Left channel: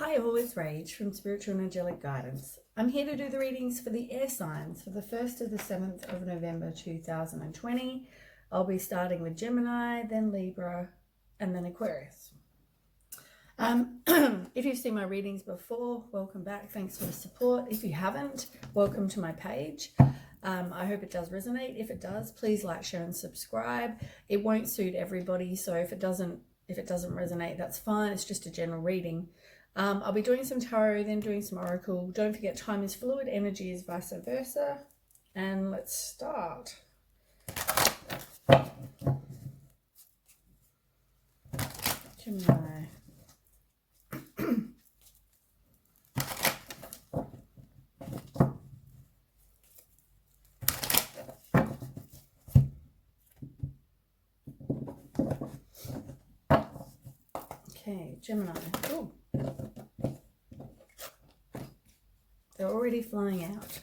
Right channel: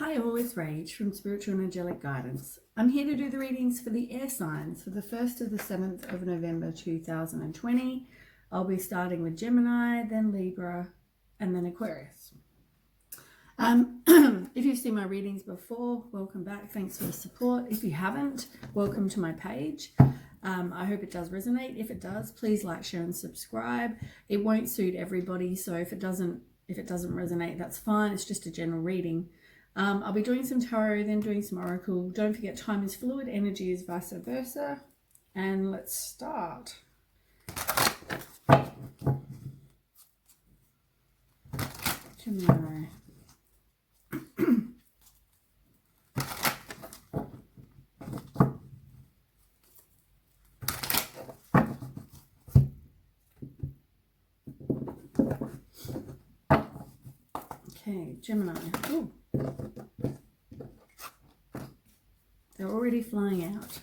Hi, always Rage from Spiritual and Angelic Guidance. I'm here to do the readings for the air signs for the 1st to the 7th of November 2020. I'll be starting with Gemini, then Libra, and then Aquarius. If you've seen my readings before, welcome back. Thanks for the support. If you haven't, welcome to my page. I hope it does resonate. If it does, please like, share, and subscribe. It won't suit everybody, so if it doesn't resonate, that's fine. It's just a general reading. I'll be doing some tarot, then doing some oracle. Don't forget, time is fluid, energy is vice versa. And let's start. Gemini. Okay, Gemini. Ooh. They're already flying out.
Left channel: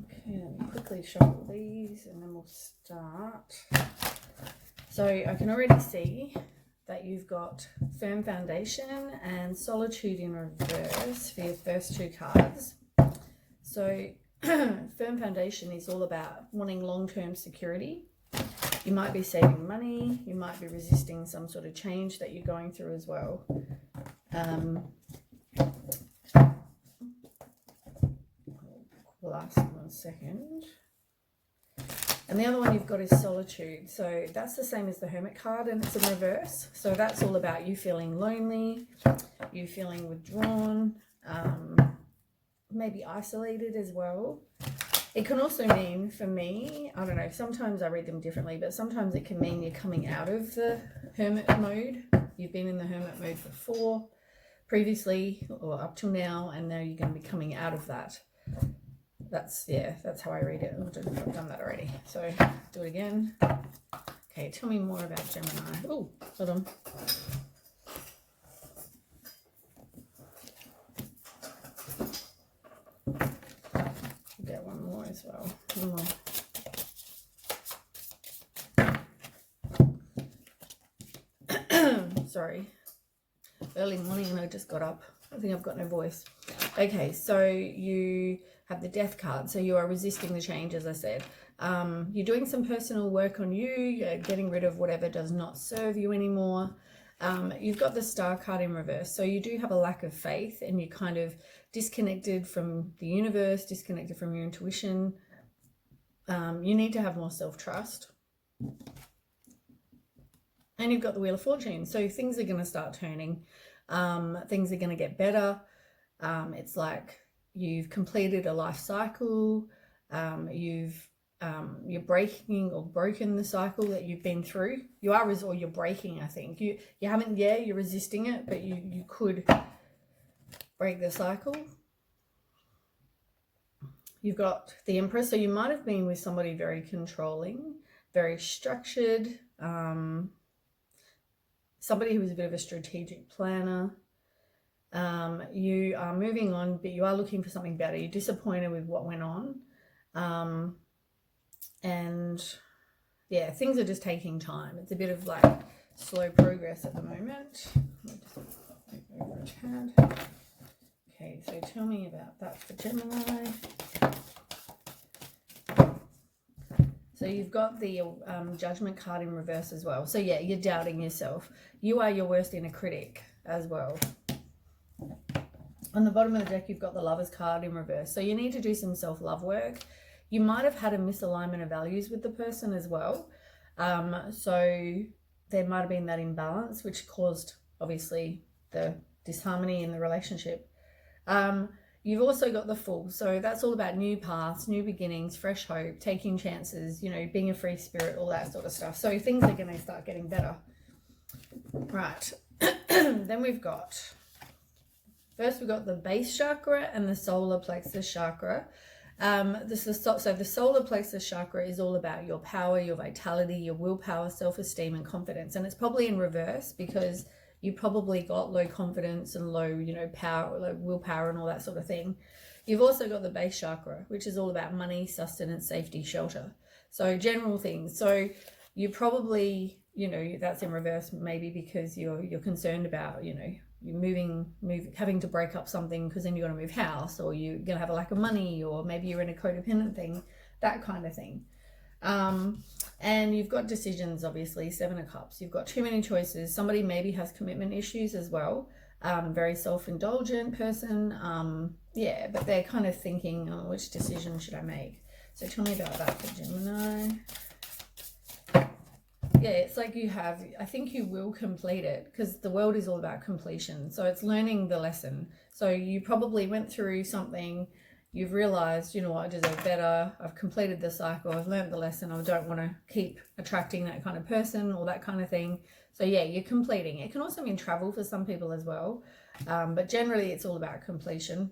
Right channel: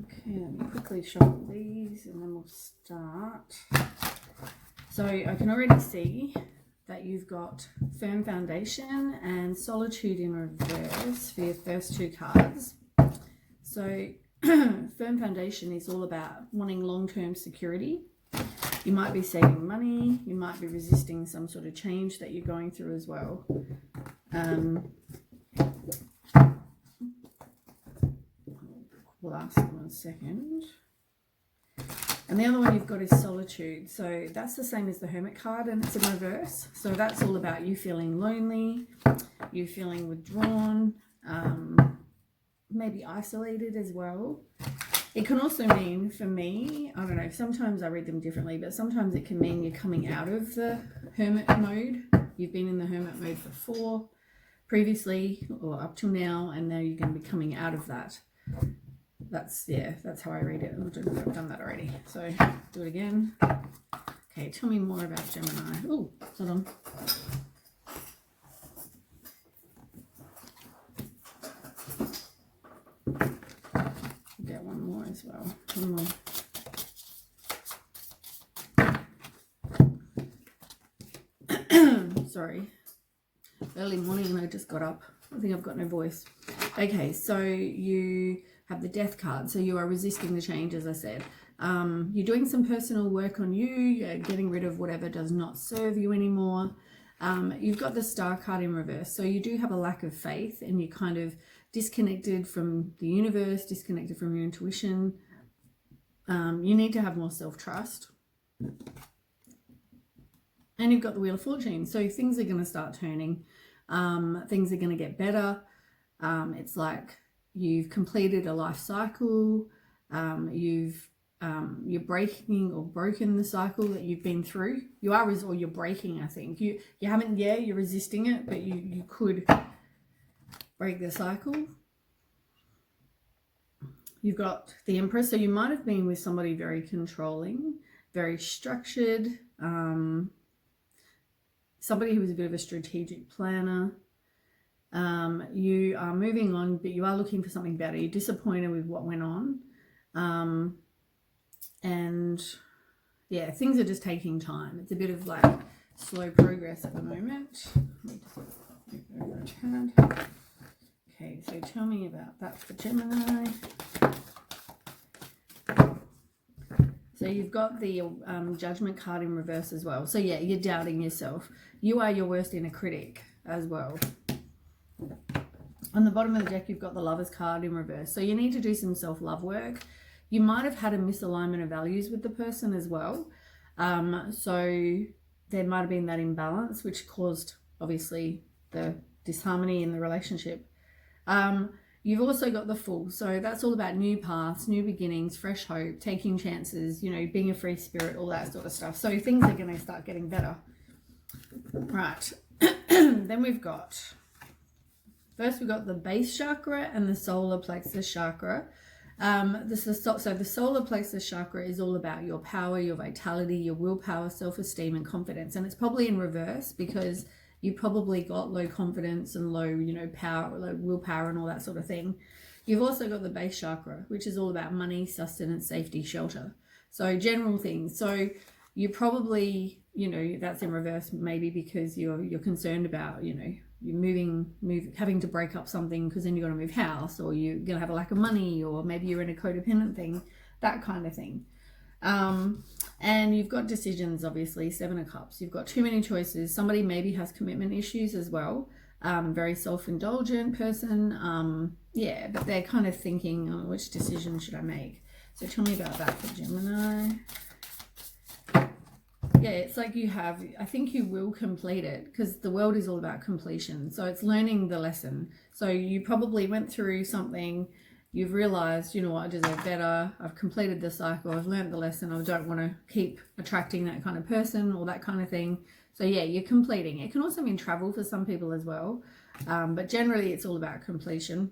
Okay, let me quickly shuffle these and then we'll start. So I can already see that you've got firm foundation and solitude in reverse for your first two cards. So firm foundation is all about wanting long-term security. You might be saving money, you might be resisting some sort of change that you're going through as well. We'll ask 1 second. And the other one you've got is solitude. So that's the same as the Hermit card, and it's in reverse. So that's all about you feeling lonely, you feeling withdrawn, maybe isolated as well. It can also mean, for me, I don't know, sometimes I read them differently, but sometimes it can mean you're coming out of the Hermit mode. You've been in the Hermit mode before, previously, or up till now, and now you're going to be coming out of that. That's how I read it. I don't know if I've done that already. So do it again. Okay, tell me more about Gemini. Oh, hold on. Get one more as well. One more. Sorry. Early morning when I just got up. I think I've got no voice. Okay, so you have the Death card. So you are resisting the change, as I said. You're doing some personal work on you. You're getting rid of whatever does not serve you anymore. You've got the Star card in reverse. So you do have a lack of faith and you're kind of disconnected from the universe, disconnected from your intuition. You need to have more self-trust. And you've got the Wheel of Fortune. So things are going to start turning. Things are going to get better. It's like you've completed a life cycle. You're breaking or broken the cycle that you've been through. You are, or you're breaking, I think. You haven't, you're resisting it, but you could break the cycle. You've got the Empress. So you might have been with somebody very controlling, very structured, somebody who was a bit of a strategic planner. You are moving on, but you are looking for something better. You're disappointed with what went on. And yeah, things are just taking time. It's a bit of like slow progress at the moment. Let me just move over a tad. Okay, so tell me about that for Gemini. So you've got the Judgment card in reverse as well. So yeah, you're doubting yourself. You are your worst inner critic as well. On the bottom of the deck, you've got the Lovers card in reverse. So you need to do some self-love work. You might have had a misalignment of values with the person as well. So there might have been that imbalance, which caused, obviously, the disharmony in the relationship. You've also got the Fool. So that's all about new paths, new beginnings, fresh hope, taking chances, being a free spirit, all that sort of stuff. So things are going to start getting better. Right. Then we've got... First, we've got the base chakra and the solar plexus chakra. So the solar plexus chakra is all about your power, your vitality, your willpower, self-esteem, and confidence. And it's probably in reverse because you probably got low confidence and low, power, low willpower and all that sort of thing. You've also got the base chakra, which is all about money, sustenance, safety, shelter. So general things. So you probably, you know, that's in reverse maybe because you're concerned about, you know, you're having to break up something because then you're going to move house, or you're going to have a lack of money, or maybe you're in a codependent thing, that kind of thing. And you've got decisions, obviously, 7 of Cups. You've got too many choices. Somebody maybe has commitment issues as well. Very self-indulgent person. Yeah, but they're kind of thinking, oh, which decision should I make? So tell me about that for Gemini. Yeah, it's like I think you will complete it, because the world is all about completion. So it's learning the lesson. So you probably went through something, you've realized, you know what, I deserve better. I've completed the cycle. I've learned the lesson. I don't want to keep attracting that kind of person or that kind of thing. So yeah, you're completing. It can also mean travel for some people as well. But generally it's all about completion.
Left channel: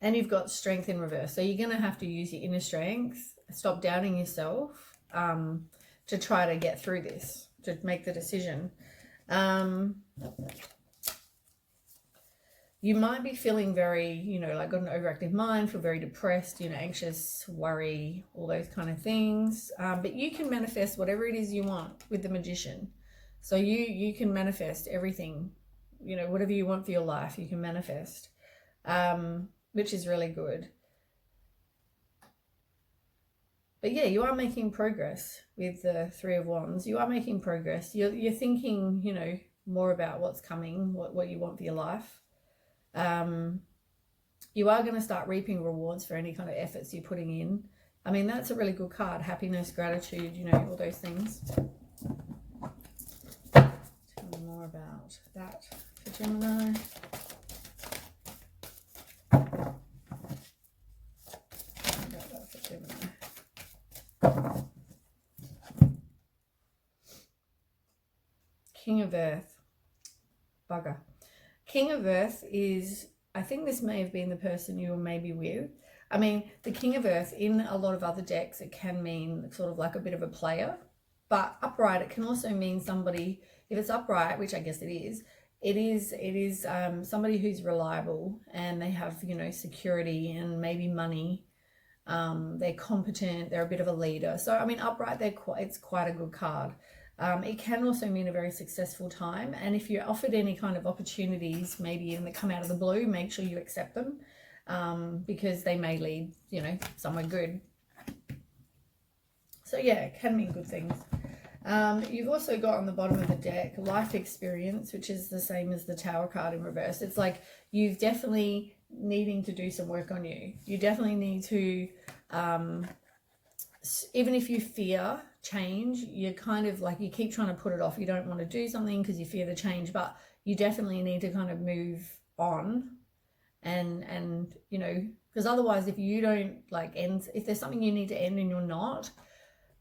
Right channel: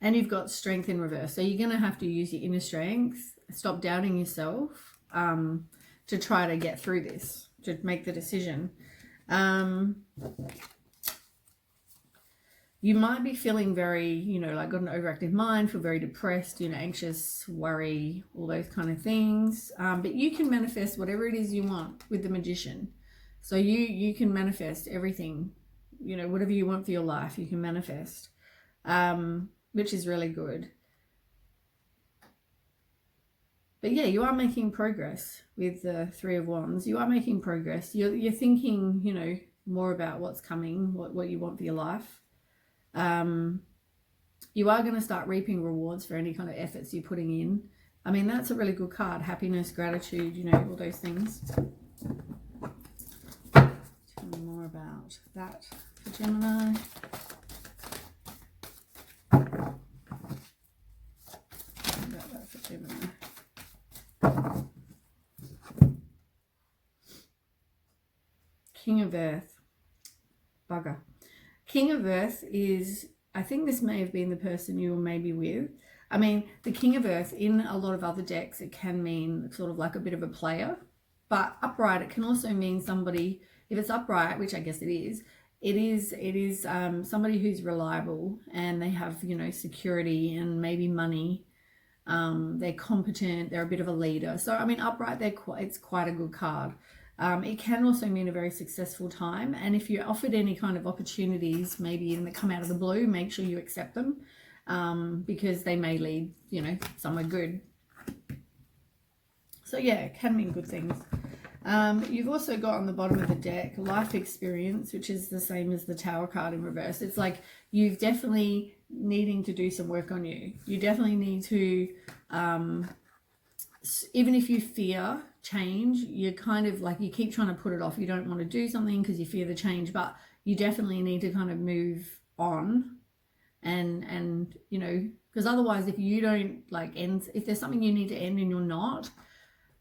And you've got strength in reverse. So you're going to have to use your inner strength. Stop doubting yourself to try to get through this, to make the decision. You might be feeling very, you know, like got an overactive mind, feel very depressed, you know, anxious, worry, all those kind of things. But you can manifest whatever it is you want with the Magician. So you can manifest everything, you know, whatever you want for your life, you can manifest, which is really good. But yeah, you are making progress with the 3 of Wands. You are making progress. You're thinking, you know, more about what's coming, what you want for your life. You are going to start reaping rewards for any kind of efforts you're putting in. I mean, that's a really good card. Happiness, gratitude, you know, all those things. Tell me more about that for Gemini. About that for Gemini. King of Earth. Bugger. King of Earth is, I think this may have been the person you were maybe with. I mean, the King of Earth, in a lot of other decks, it can mean sort of like a bit of a player. But upright, it can also mean somebody, if it's upright, which I guess it is somebody who's reliable, and they have, you know, security and maybe money. They're competent, they're a bit of a leader. So, I mean, upright, it's quite a good card. It can also mean a very successful time, and if you're offered any kind of opportunities, maybe even that come out of the blue, make sure you accept them, because they may lead, you know, somewhere good. So yeah, it can mean good things. You've also got on the bottom of the deck life experience, which is the same as the Tower card in reverse. It's like you've definitely needing to do some work on you. You definitely need to, even if you fear change, you're kind of like, you keep trying to put it off. You don't want to do something because you fear the change, but you definitely need to kind of move on, and you know, because otherwise, if you don't like end, if there's something you need to end and you're not,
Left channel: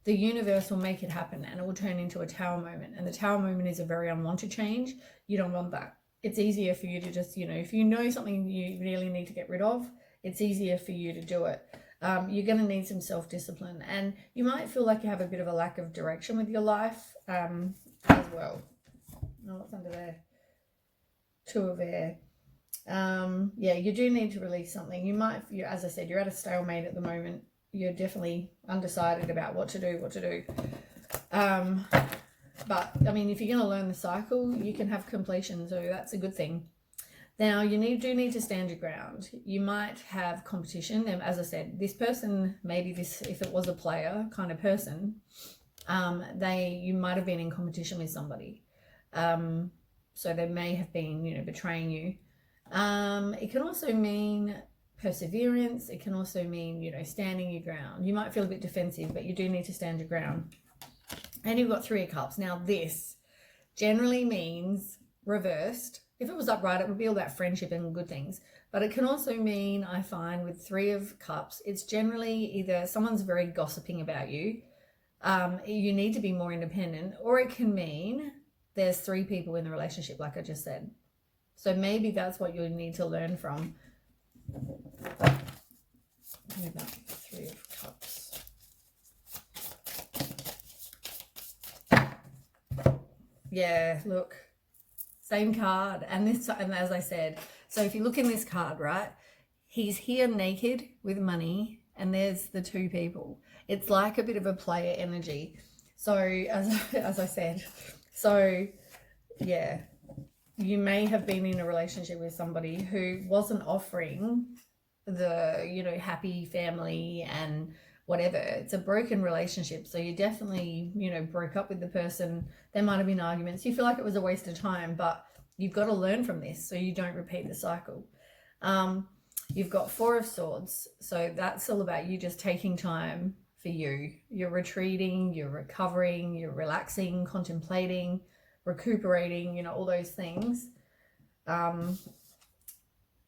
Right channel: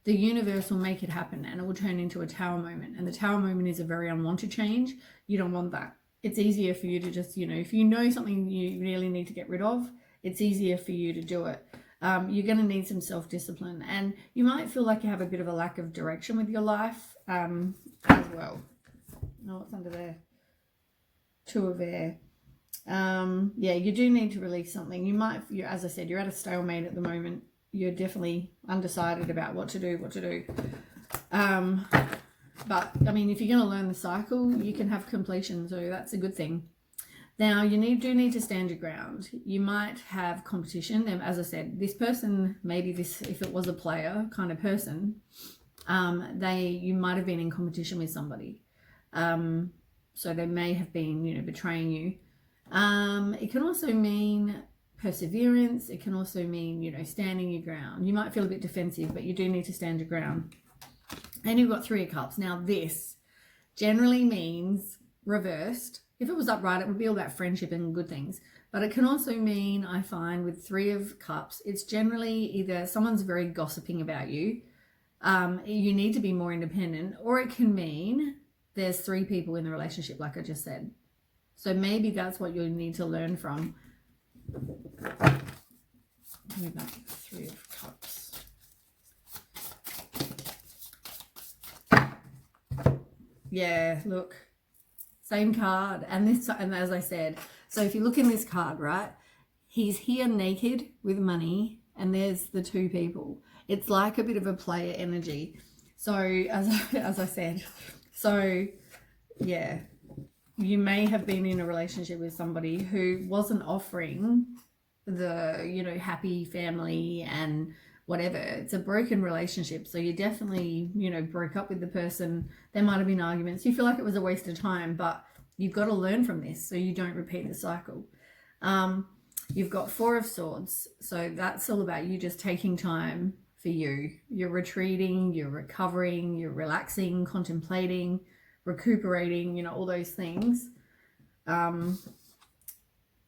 the universe will make it happen, and it will turn into a Tower moment. And the Tower moment is a very unwanted change. You don't want that. It's easier for you to just, you know, if you know something you really need to get rid of, it's easier for you to do it. You're going to need some self-discipline, and you might feel like you have a bit of a lack of direction with your life as well. Oh, what's under there? 2 of Air. Yeah, you do need to release something. You might, as I said, you're at a stalemate at the moment. You're definitely undecided about what to do. But, I mean, if you're going to learn the cycle, you can have completion, so that's a good thing. Now, you do need to stand your ground. You might have competition. And as I said, this person, maybe this, if it was a player kind of person, you might have been in competition with somebody. So they may have been, you know, betraying you. It can also mean perseverance. It can also mean, you know, standing your ground. You might feel a bit defensive, but you do need to stand your ground. And you've got 3 of Cups. Now, this generally means reversed. If it was upright, it would be all about friendship and good things. But it can also mean, I find, with 3 of Cups, it's generally either someone's very gossiping about you, you need to be more independent, or it can mean there's 3 people in the relationship, like I just said. So maybe that's what you need to learn from. About 3 of Cups. Yeah, look. Same card, and as I said, so if you look in this card, right, he's here naked with money, and there's the two people. It's like a bit of a player energy. So as I said, so yeah, you may have been in a relationship with somebody who wasn't offering the, you know, happy family and whatever. It's a broken relationship. So you definitely, you know, broke up with the person. There might have been arguments. You feel like it was a waste of time, but you've got to learn from this so you don't repeat the cycle. You've got Four of Swords. So that's all about you just taking time for you. You're retreating, you're recovering, you're relaxing, contemplating, recuperating, you know, all those things. And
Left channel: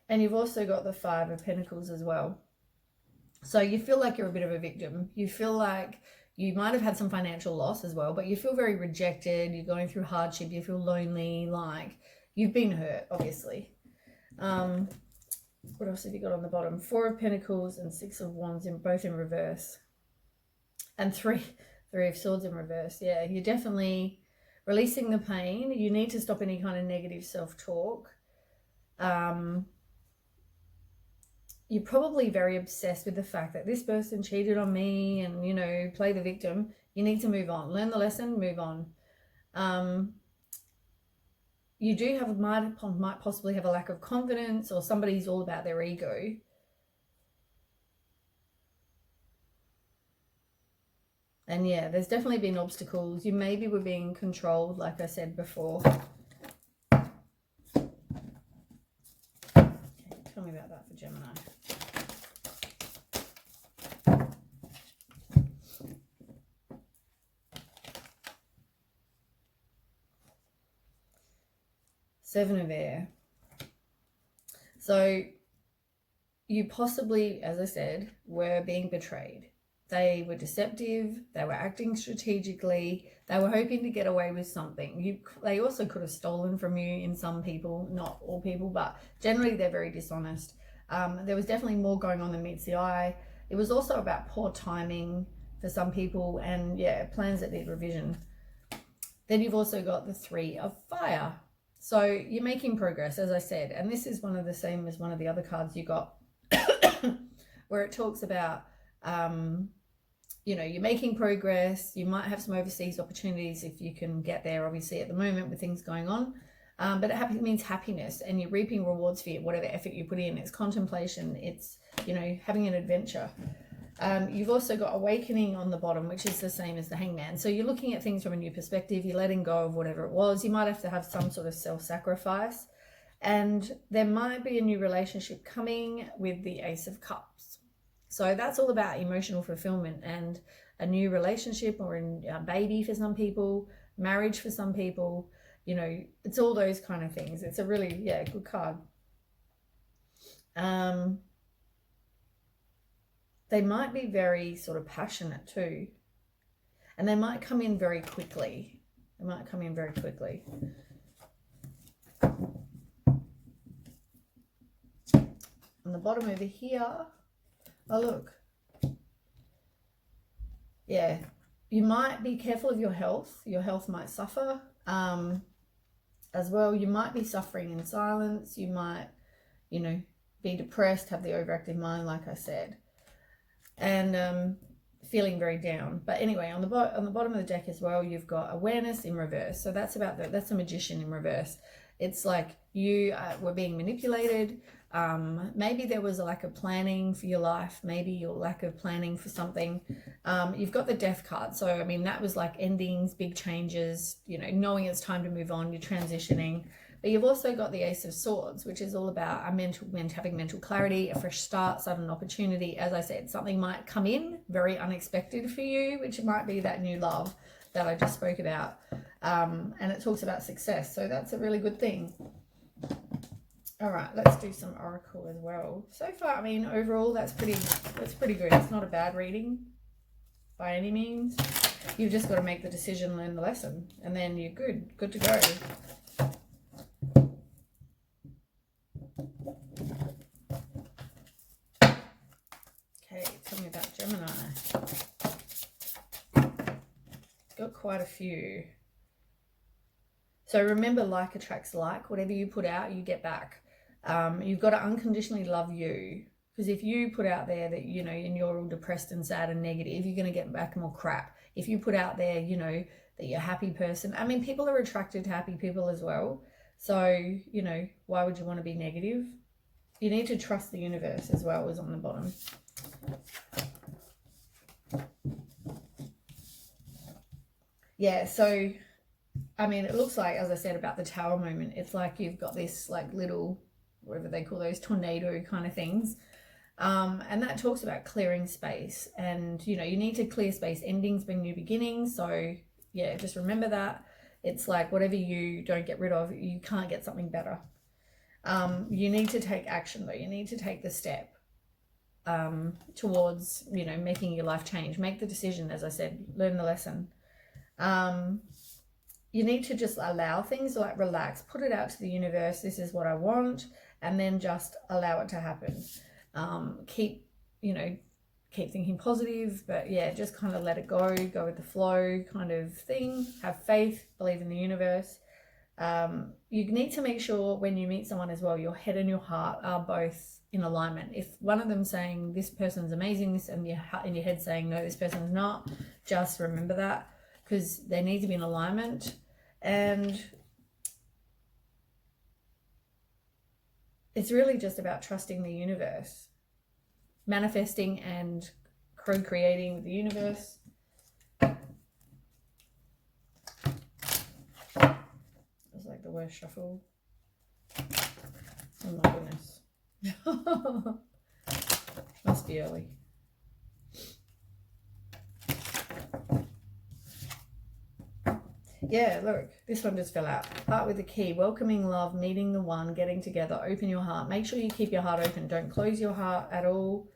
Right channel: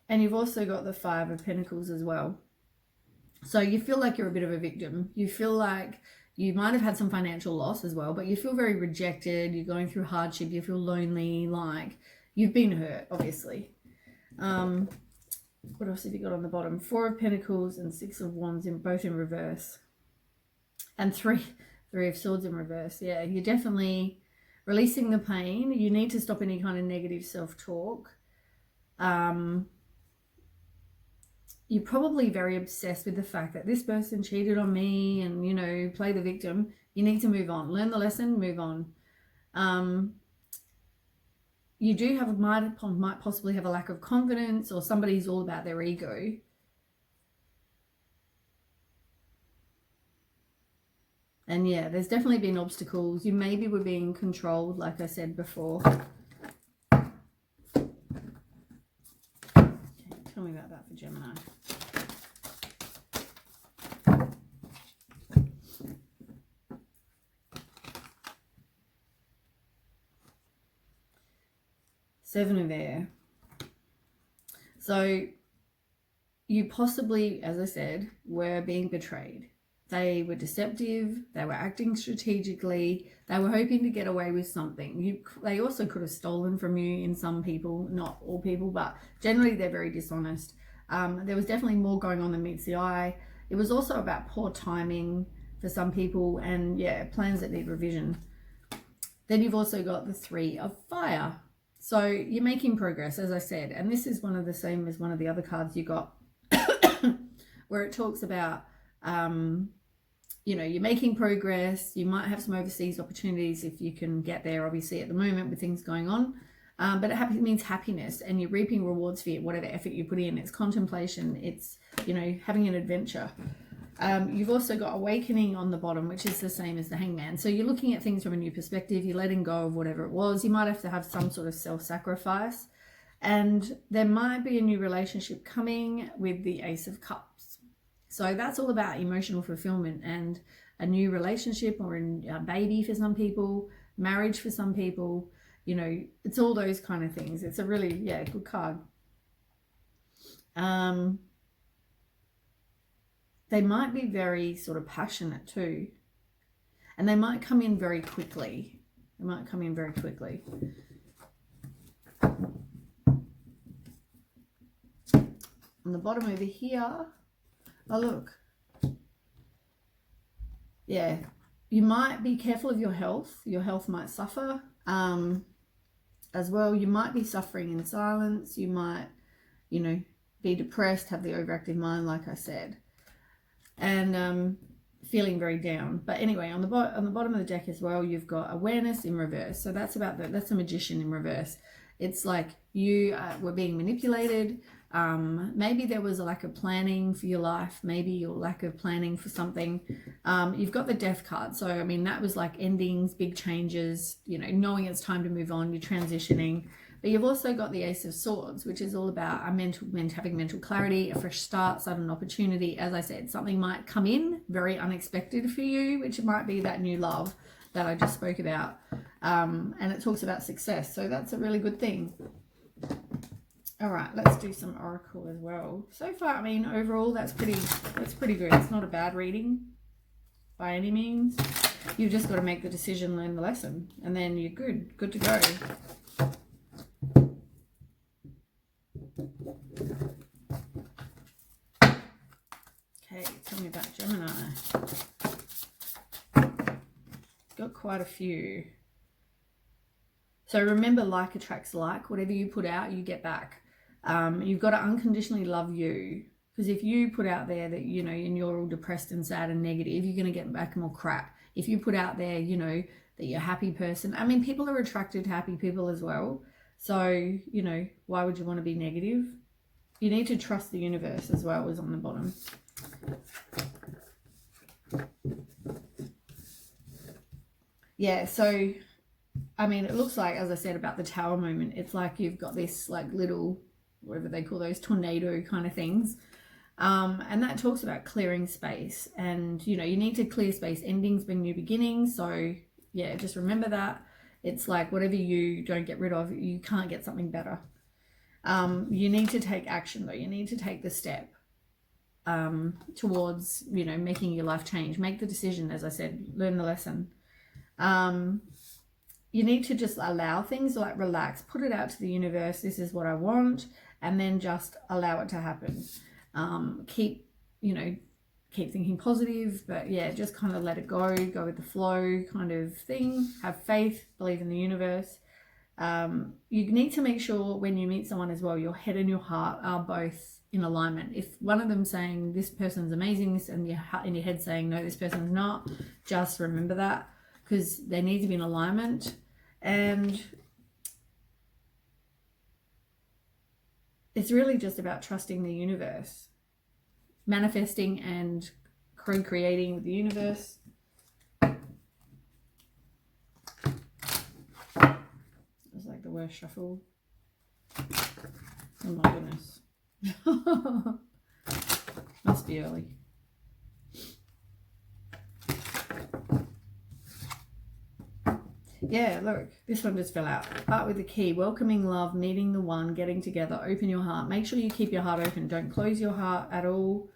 you've also got the Five of Pentacles as well. So you feel like you're a bit of a victim. You feel like you might have had some financial loss as well, but you feel very rejected. You're going through hardship. You feel lonely, like you've been hurt, obviously. What else have you got on the bottom? Four of Pentacles and Six of Wands, both in reverse. And three of Swords in reverse. Yeah, you're definitely releasing the pain. You need to stop any kind of negative self-talk. You're probably very obsessed with the fact that this person cheated on me and, you know, play the victim. You need to move on. Learn the lesson, move on. You do have might possibly have a lack of confidence, or somebody's all about their ego. And yeah, there's definitely been obstacles. You maybe were being controlled, like I said before. Okay, tell me about that for Gemini. Seven of Air. So you possibly, as I said, were being betrayed. They were deceptive. They were acting strategically. They were hoping to get away with something. They also could have stolen from you in some people, not all people, but generally they're very dishonest. There was definitely more going on than meets the eye. It was also about poor timing for some people, and yeah, plans that need revision. Then you've also got the Three of Fire. So you're making progress, as I said, and this is one of the same as one of the other cards you got, where it talks about, you know, you're making progress. You might have some overseas opportunities if you can get there, obviously, at the moment with things going on. But it means happiness, and you're reaping rewards for whatever effort you put in. It's contemplation. It's, you know, having an adventure. You've also got Awakening on the bottom, which is the same as the Hangman. So you're looking at things from a new perspective. You're letting go of whatever it was. You might have to have some sort of self-sacrifice. And there might be a new relationship coming with the Ace of Cups. So that's all about emotional fulfillment and a new relationship, or a baby for some people, marriage for some people. You know, it's all those kind of things. It's a really, yeah, good card. They might be very sort of passionate too. And they might come in very quickly. On the bottom over here, oh look. Yeah, you might be careful of your health. Your health might suffer as well. You might be suffering in silence. You might, you know, be depressed, have the overactive mind, like I said. And feeling very down. But anyway, on the bottom of the deck as well, you've got Awareness in reverse. So that's about that's a Magician in reverse. It's like you were being manipulated. Maybe there was a lack of planning for your life. Maybe your lack of planning for something. You've got the Death card. So I mean, that was like endings, big changes. You know, knowing it's time to move on. You're transitioning. But you've also got the Ace of Swords, which is all about having mental clarity, a fresh start, sudden opportunity. As I said, something might come in very unexpected for you, which might be that new love that I just spoke about. And it talks about success. So that's a really good thing. All right, let's do some Oracle as well. So far, I mean, overall, that's pretty good. It's not a bad reading by any means. You've just got to make the decision, learn the lesson, and then you're good to go. Okay, tell me about Gemini. Got quite a few. So remember, like attracts like. Whatever you put out, you get back. You've got to unconditionally love you. Because if you put out there that, you know, and you're all depressed and sad and negative, you're going to get back more crap. If you put out there, you know, that you're a happy person, I mean, people are attracted to happy people as well. So, you know, why would you want to be negative? You need to trust the universe as well, as on the bottom. Yeah, so, I mean, it looks like, as I said about the tower moment, it's like you've got this like little, whatever they call those, tornado kind of things. And that talks about clearing space. And, you know, you need to clear space. Endings bring new beginnings. So, yeah, just remember that. It's like whatever you don't get rid of, you can't get something better. You need to take action, though. You need to take the step towards, you know, making your life change. Make the decision, as I said, learn the lesson. You need to just allow things, like relax, put it out to the universe. This is what I want, and then just allow it to happen. Keep thinking positive, but yeah, just kind of let it go with the flow kind of thing. Have faith, believe in the universe. You need to make sure when you meet someone as well, your head and your heart are both in alignment. If one of them saying this person's amazing, this, and in your head saying no, this person's not, just remember that, because they need to be in alignment. And it's really just about trusting the universe, manifesting and co-creating with the universe. It was like the worst shuffle. Oh my goodness. Must be early. Yeah, look, this one just fell out. Part with the key, welcoming love, meeting the one, getting together, open your heart. Make sure you keep your heart open. Don't close your heart at all.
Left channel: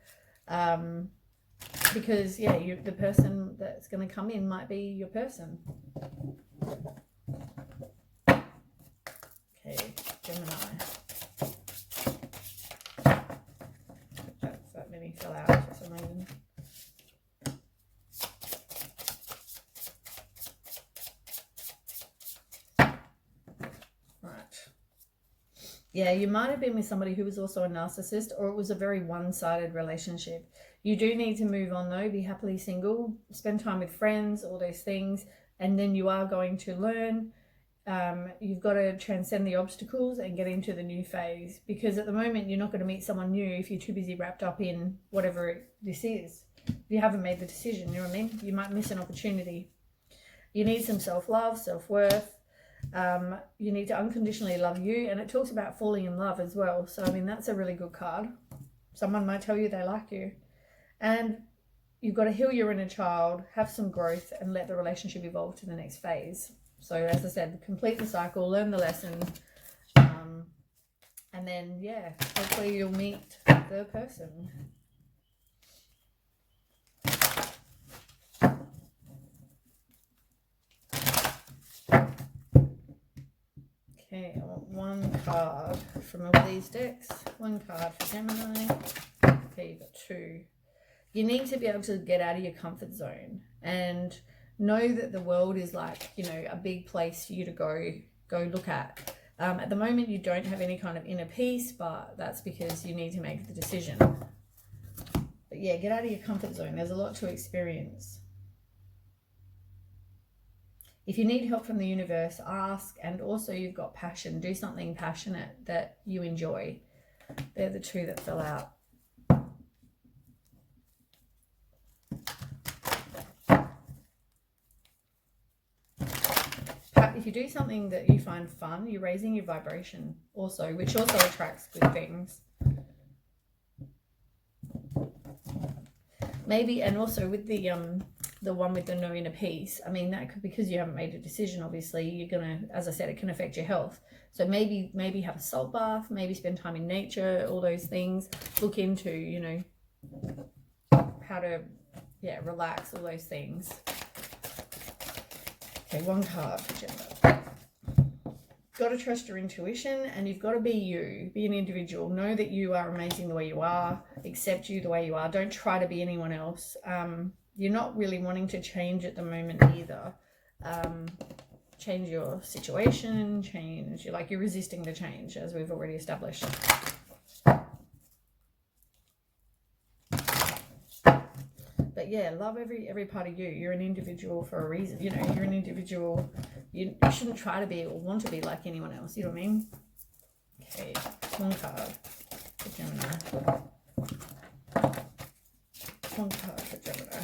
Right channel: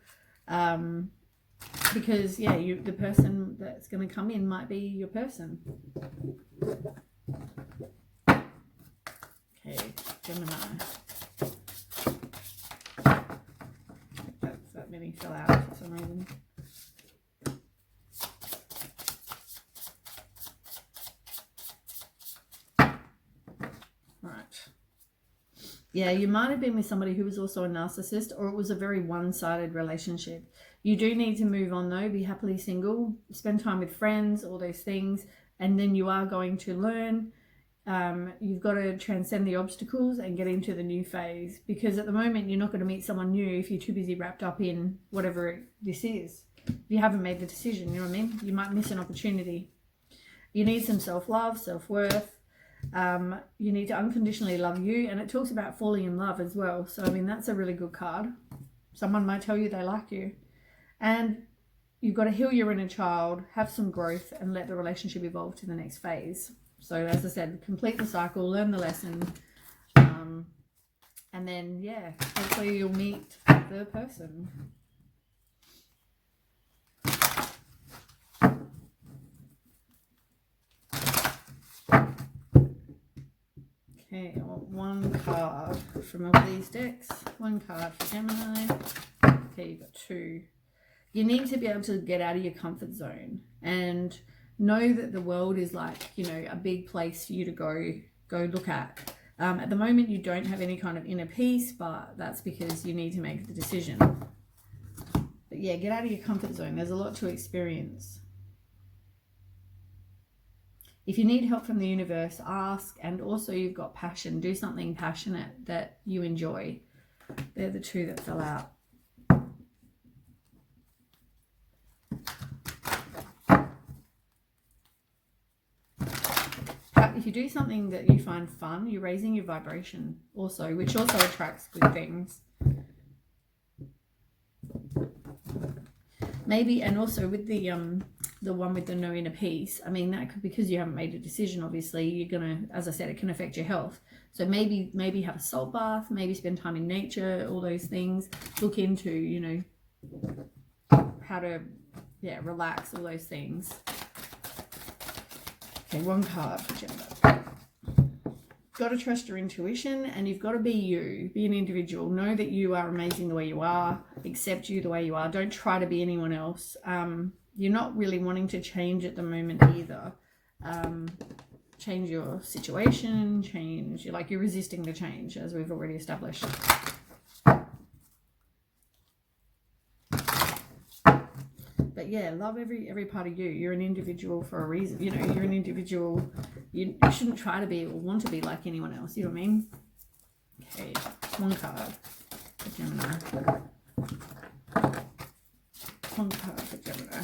Because, yeah, the person that's going to come in might be your person. Okay, Gemini. That many fell out for some reason. Yeah, you might have been with somebody who was also a narcissist, or it was a very one-sided relationship. You do need to move on though, be happily single, spend time with friends, all those things, and then you are going to learn. You've got to transcend the obstacles and get into the new phase, because at the moment you're not going to meet someone new if you're too busy wrapped up in whatever this is. If you haven't made the decision, you know what I mean? You might miss an opportunity. You need some self-love, self-worth. You need to unconditionally love you, and it talks about falling in love as well. So I mean, that's a really good card. Someone might tell you they like you, and you've got to heal your inner child, have some growth, and let the relationship evolve to the next phase. So as I said, complete the cycle, learn the lesson, and then yeah, hopefully you'll meet the person. Okay, I want one card from all these decks. One card for Gemini. Okay, you've got two. You need to be able to get out of your comfort zone and know that the world is like, you know, a big place for you to go look at. At the moment, you don't have any kind of inner peace, but that's because you need to make the decision. But yeah, get out of your comfort zone. There's a lot to experience. If you need help from the universe, ask. And also you've got passion. Do something passionate that you enjoy. They're the two that fell out. If you do something that you find fun, you're raising your vibration also, which also attracts good things. Maybe, and also with the one with the no inner peace, I mean, that could, because you haven't made a decision, obviously, you're going to, as I said, it can affect your health. So maybe have a salt bath, maybe spend time in nature, all those things. Look into, you know, how to, yeah, relax, all those things. Okay, one card for Gemini. Got to trust your intuition, and you've got to be you. Be an individual. Know that you are amazing the way you are. Accept you the way you are. Don't try to be anyone else. You're not really wanting to change at the moment either. Change your situation. You're resisting the change, as we've already established. yeah, love every part of you. You're an individual for a reason. You know, you're an individual. You shouldn't try to be or want to be like anyone else. You know what I mean? Okay, one card for Gemini. One card for Gemini.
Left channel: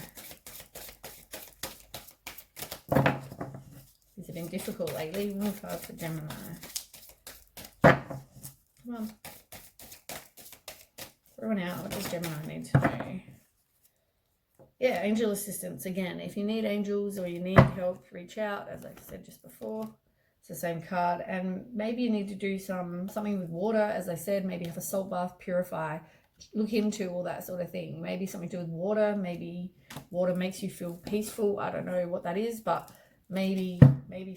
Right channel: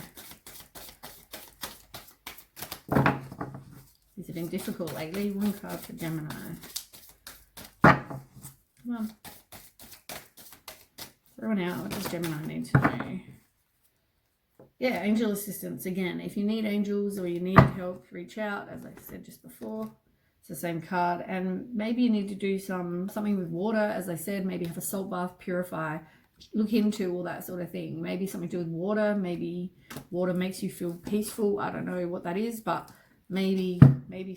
These have been difficult lately. One card for Gemini. Come on. Throw one out. What does Gemini need to know? Yeah, angel assistance. Again, if you need angels or you need help, reach out. As I said just before, it's the same card. And maybe you need to do something with water. As I said, maybe have a salt bath, purify. Look into all that sort of thing. Maybe something to do with water. Maybe water makes you feel peaceful. I don't know what that is, but maybe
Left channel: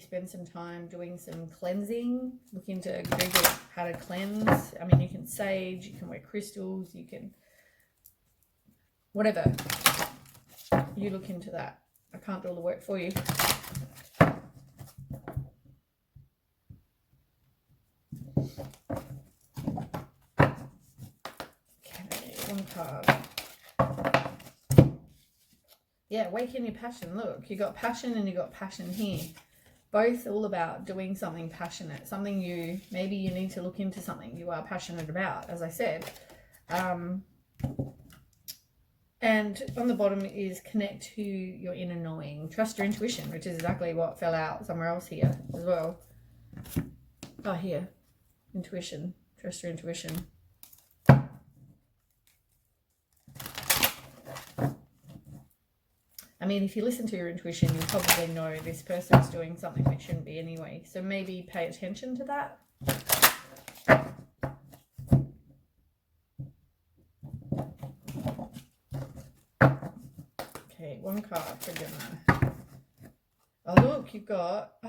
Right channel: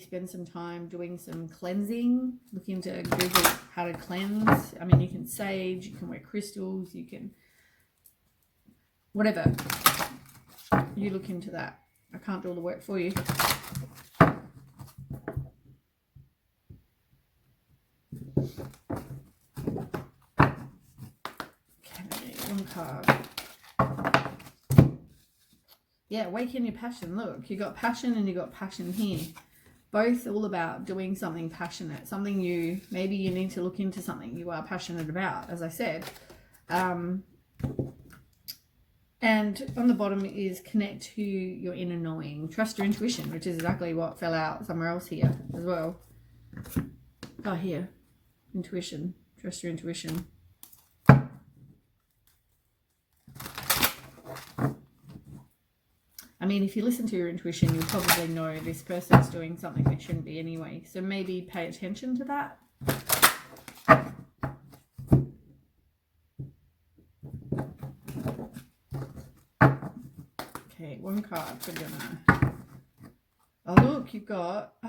spend some time doing some cleansing. Look into Google how to cleanse. I mean, you can sage, you can wear crystals, you can whatever. You look into that. I can't do all the work for you. Okay, one card. Yeah, awaken your passion. Look, you got passion and you got passion here. Both all about doing something passionate, something maybe you need to look into something you are passionate about, as I said. And on the bottom is connect to your inner knowing. Trust your intuition, which is exactly what fell out somewhere else here as well. Oh, here. Intuition. Trust your intuition. I mean, if you listen to your intuition, you'll probably know this person's doing something they shouldn't be anyway. So maybe pay attention to that. Okay, one card for Gemini. Oh, look,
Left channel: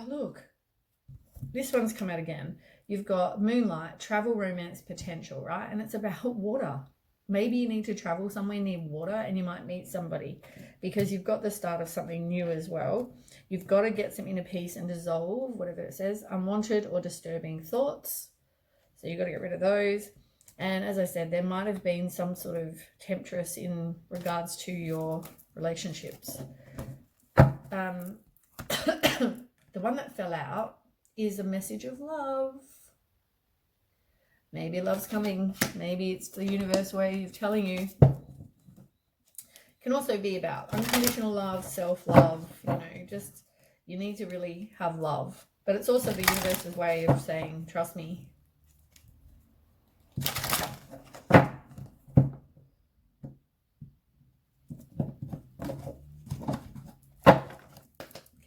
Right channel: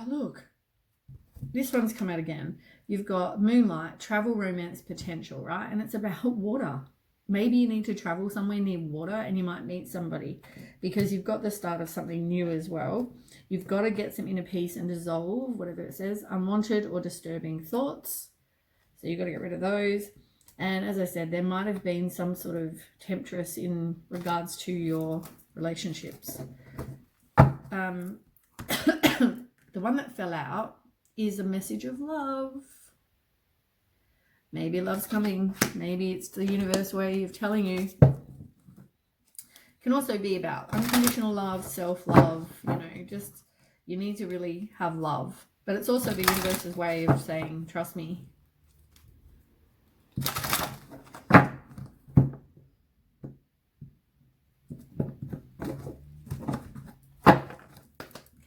look. This one's come out again. You've got moonlight, travel, romance, potential, right? And it's about water. Maybe you need to travel somewhere near water and you might meet somebody because you've got the start of something new as well. You've got to get some inner peace and dissolve, whatever it says, unwanted or disturbing thoughts. So you've got to get rid of those. And as I said, there might have been some sort of temptress in regards to your relationships. The one that fell out is a message of love. Maybe love's coming. Maybe it's the universe way of telling you. It can also be about unconditional love, self-love, you know, just you need to really have love. But it's also the universe's way of saying, trust me.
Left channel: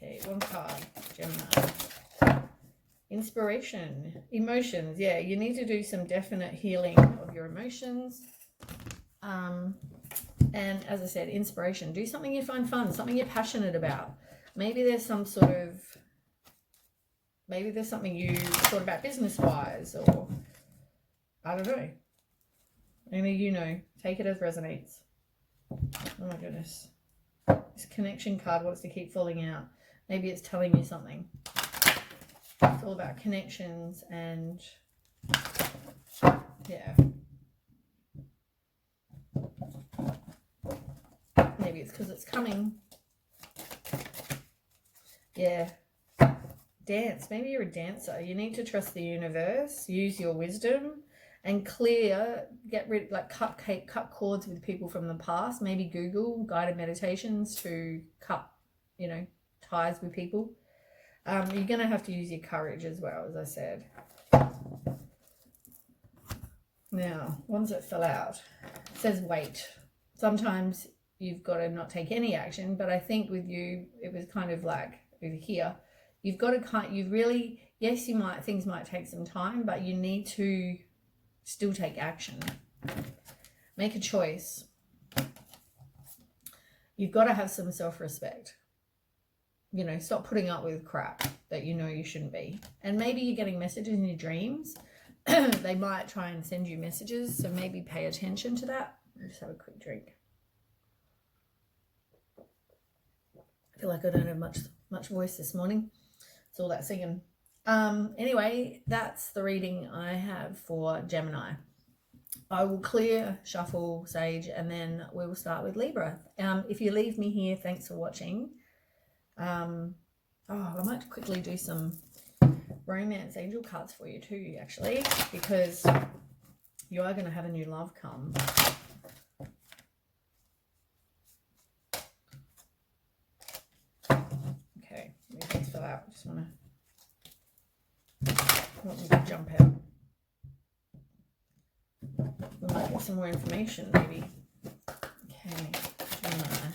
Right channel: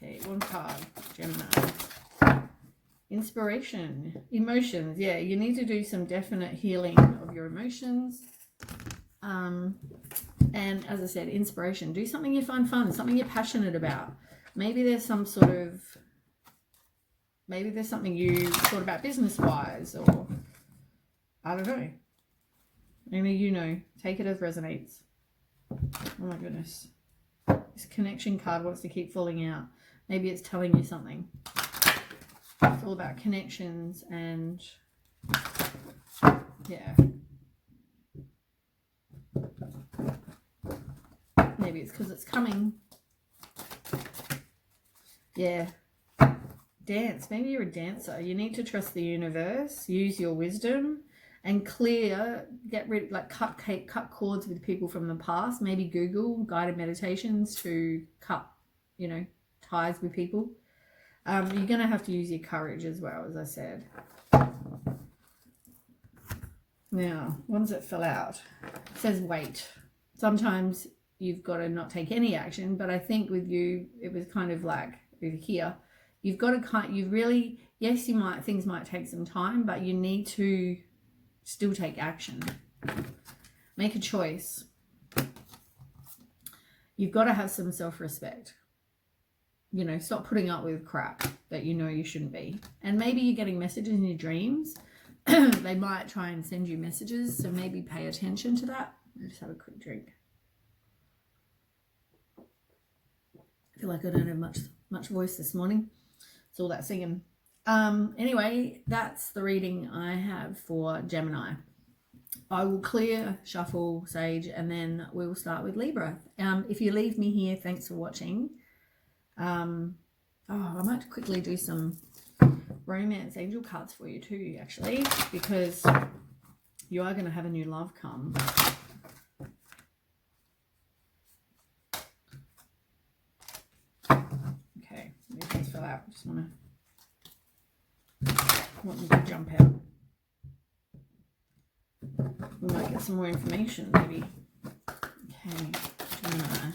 Okay, one card, Gemini. Inspiration, emotions. Yeah, you need to do some definite healing of your emotions. And as I said, inspiration. Do something you find fun, something you're passionate about. Maybe there's something you thought about business-wise, or I don't know. Maybe you know. Take it as resonates. Oh my goodness. This connection card wants to keep falling out. Maybe it's telling you something. It's all about connections and yeah. Maybe it's because it's coming. Yeah. Dance. Maybe you're a dancer. You need to trust the universe. Use your wisdom and get rid, like cut cords with people from the past. Maybe Google guided meditations to cut, you know, ties with people. You're going to have to use your courage as well, as I said. Now, ones that fell out. It says wait. Sometimes you've got to not take any action, but I think with you, it was kind of like over here. You've got to yes, things might take some time, but you need to still take action. Make a choice. You've got to have some self-respect. You know, stop putting up with crap that you know you shouldn't be. And maybe you're getting messages in your dreams. They might try and send you messages, so maybe pay attention to that. I'll just have a quick drink. I feel like I don't have much voice this morning. It's all that singing. Anyway, that's the reading I have for Gemini. I will clear, shuffle, sage, and then we will start with Libra. If you leave me here, thanks for watching. I might quickly do some romance angel cards for you too, actually, because you are going to have a new love come. Okay, let me just fill out. Just want them to jump out. We might get some more information, maybe. Okay, Gemini.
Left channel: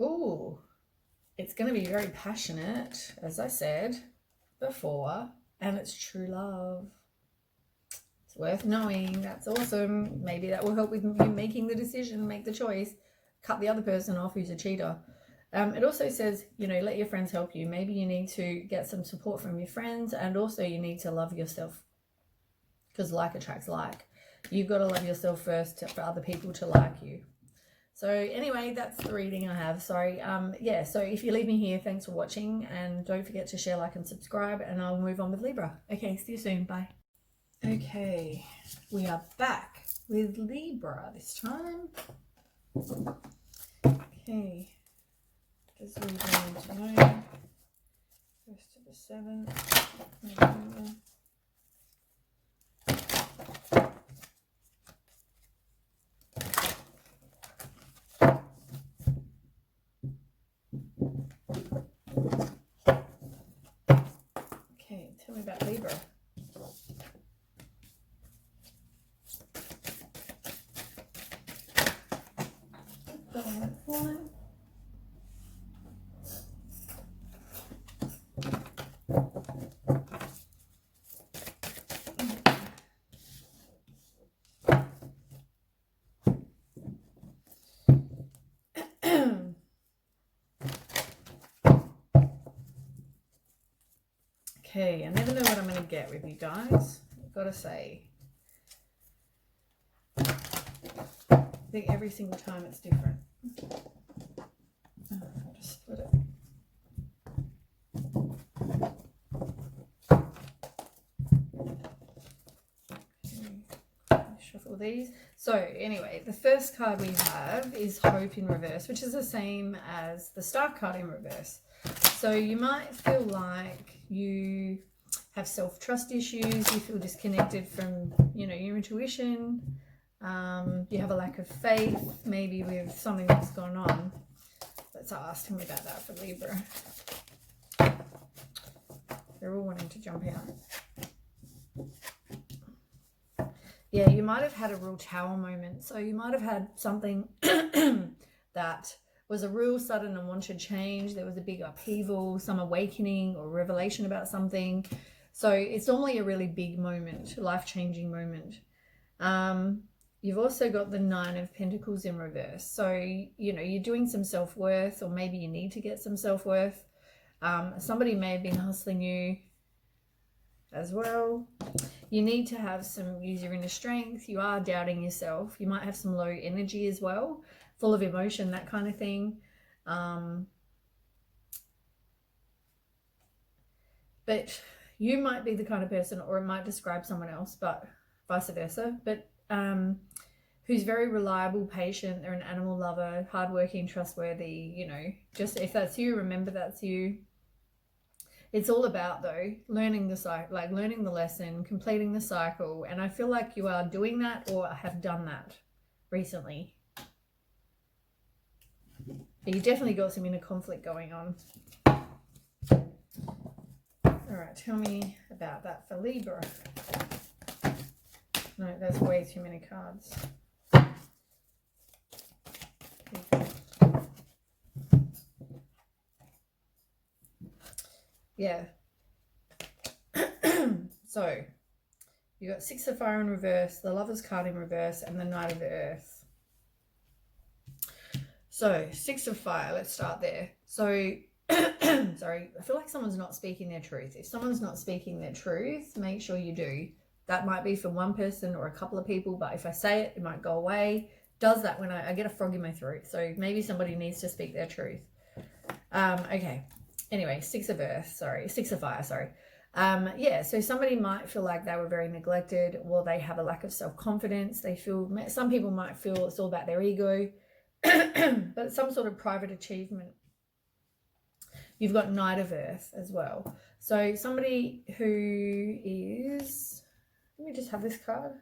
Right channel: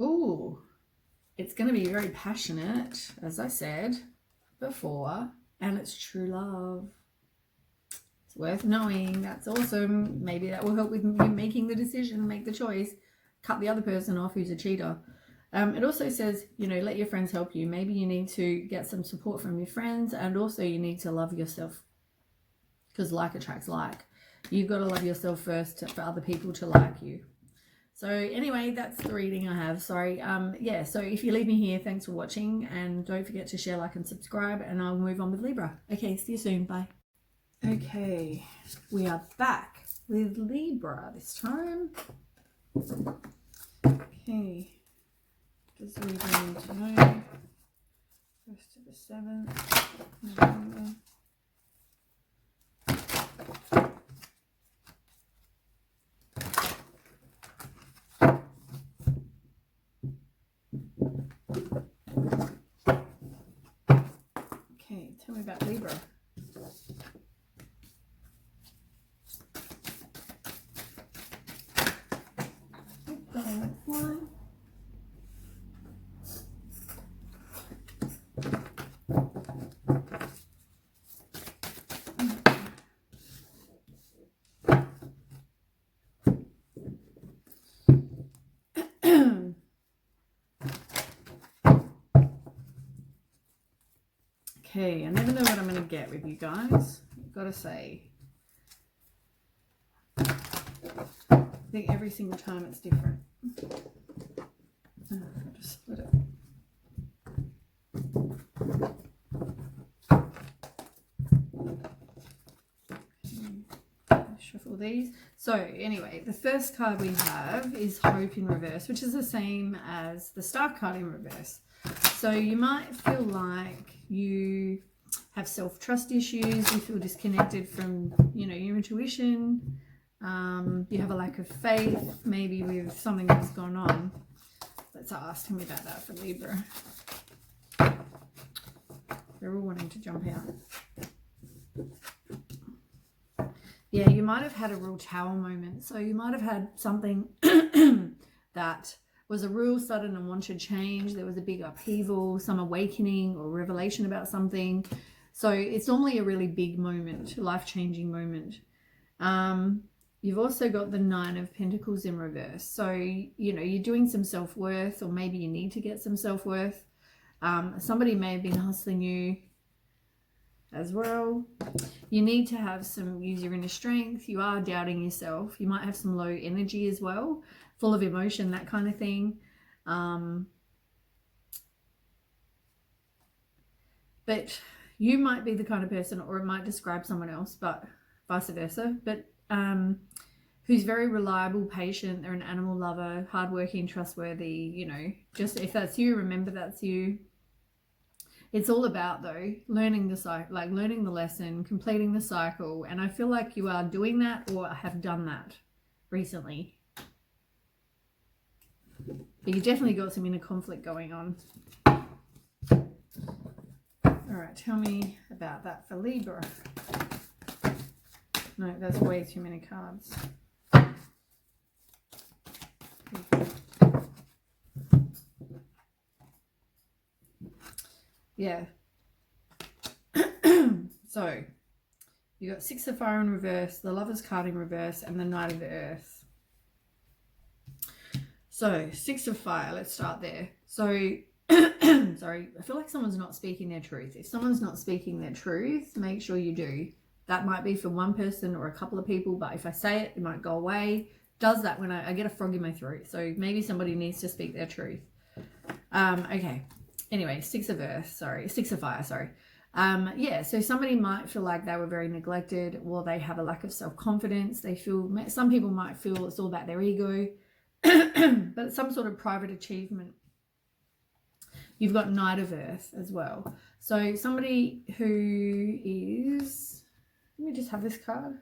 Ooh, it's going to be very passionate, as I said before, and it's true love. It's worth knowing. That's awesome. Maybe that will help with you making the decision, make the choice, cut the other person off who's a cheater. It also says, you know, let your friends help you. Maybe you need to get some support from your friends, and also you need to love yourself, because like attracts like. You've got to love yourself first for other people to like you. So anyway, that's the reading I have. Sorry. Yeah, so if you leave me here, thanks for watching, and don't forget to share, like, and subscribe, and I'll move on with Libra. Okay, see you soon. Bye. Okay, we are back with Libra this time. Okay. Just Libra need to know. 1st to the 7th November. Okay, tell me about Libra. One. Okay, I never know what I'm going to get with you guys. I've got to say. I think every single time it's different. I'll just split it. Okay, shuffle these. So anyway, the first card we have is Hope in reverse, which is the same as the Star card in reverse. So you might feel like you have self-trust issues, you feel disconnected from, you know, your intuition, you have a lack of faith, maybe with something that's gone on. Let's ask him about that for Libra. They're all wanting to jump out. Yeah, you might have had a real tower moment. So you might have had something that was a real sudden and wanted change. There was a big upheaval, some awakening or revelation about something. So it's normally a really big moment, life-changing moment. You've also got the 9 of Pentacles in reverse. So, you know, you're doing some self-worth, or maybe you need to get some self-worth. Somebody may have been hustling you as well. You need to have some, use your inner strength. You are doubting yourself. You might have some low energy as well, full of emotion, that kind of thing. But you might be the kind of person, or it might describe someone else, but vice versa, but who's very reliable, patient. They're an animal lover, hardworking, trustworthy. You know, just if that's you, remember that's you. It's all about, though, learning the cycle, like learning the lesson, completing the cycle. And I feel like you are doing that, or have done that recently. But you definitely got some inner conflict going on. All right, tell me about that for Libra. No, that's way too many cards. Yeah. So, you got 6 of Fire in reverse, the Lover's card in reverse, and the Knight of the Earth. So, 6 of Fire, let's start there. So, sorry, I feel like someone's not speaking their truth. If someone's not speaking their truth, make sure you do. That might be for one person or a couple of people, but if I say it, it might go away. Does that when I get a frog in my throat. So maybe somebody needs to speak their truth. Okay. Anyway, 6 of Fire, sorry. Yeah, so somebody might feel like they were very neglected, or they have a lack of self-confidence. They feel, some people might feel it's all about their ego, but some sort of private achievement. You've got Knight of Earth as well. So somebody who is, let me just have this card.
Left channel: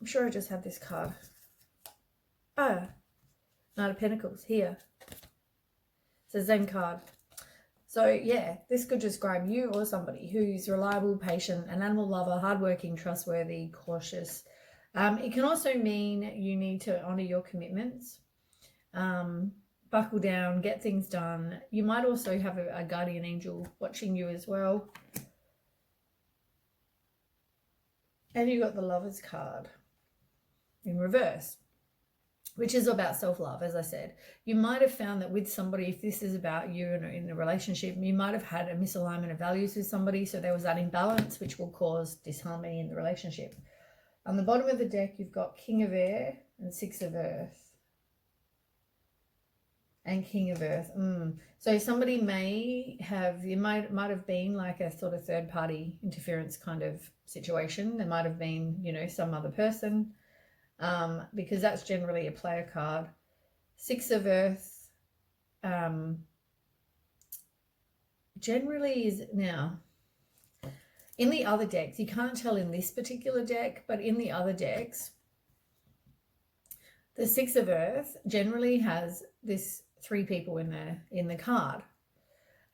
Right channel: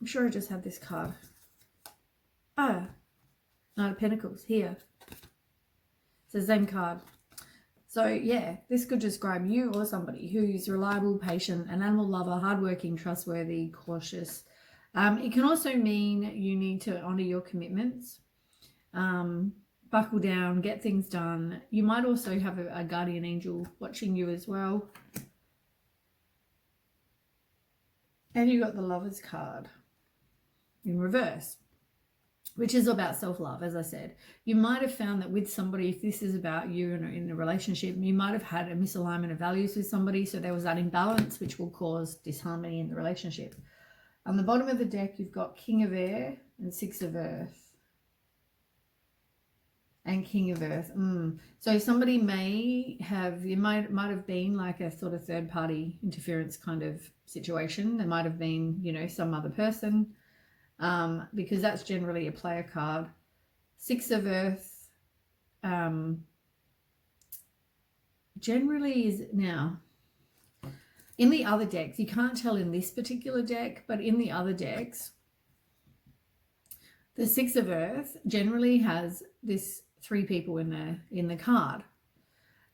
I'm sure I just have this card. Ah, Knight of Pentacles here. It's the same card. So yeah, this could describe you or somebody who's reliable, patient, an animal lover, hardworking, trustworthy, cautious. It can also mean you need to honor your commitments, buckle down, get things done. You might also have a guardian angel watching you as well. And you got the Lover's card in reverse, which is about self-love, as I said. You might have found that with somebody, if this is about you in a relationship, you might have had a misalignment of values with somebody, so there was that imbalance, which will cause disharmony in the relationship. On the bottom of the deck, you've got King of Air and Six of Earth. And King of Earth. So somebody may have, you might have been like a sort of third-party interference kind of situation. There might have been, you know, some other person. Because that's generally a player card. Six of Earth generally is, now in the other decks, you can't tell in this particular deck, but in the other decks, the Six of Earth generally has this 3 people in the card.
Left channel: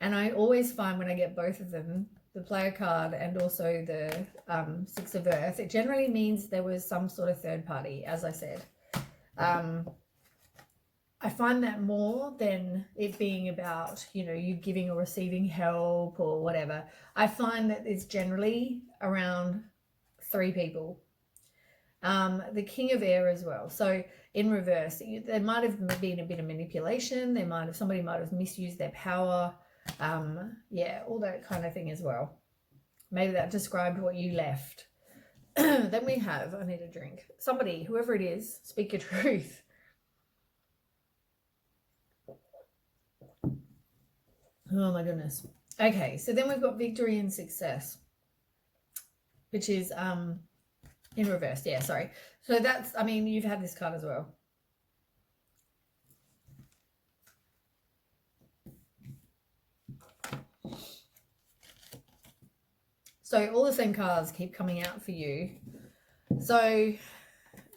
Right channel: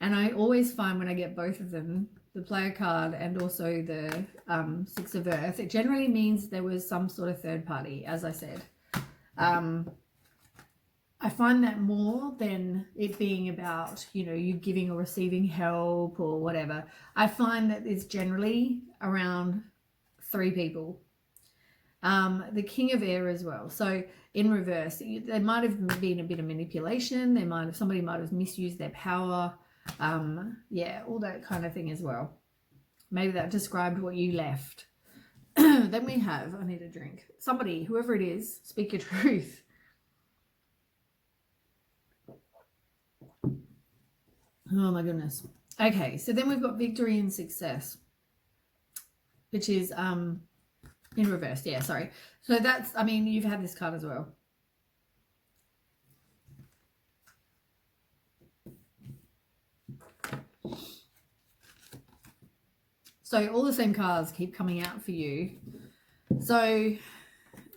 And I always find when I get both of them, the player card and also the Six of Earth, it generally means there was some sort of third party, as I said. I find that more than it being about, you know, you giving or receiving help or whatever. I find that it's generally around 3 people. The King of Air as well. So in reverse, there might have been a bit of manipulation. Somebody might have misused their power. Yeah, all that kind of thing as well. Maybe that described what you left. Then we have, I need a drink. Somebody, whoever it is, speak your truth. Oh my goodness. Okay, so then we've got Victory and Success, which is in reverse. Yeah, sorry. So that's, I mean, you've had this card as well. So all the same cards keep coming out for you. So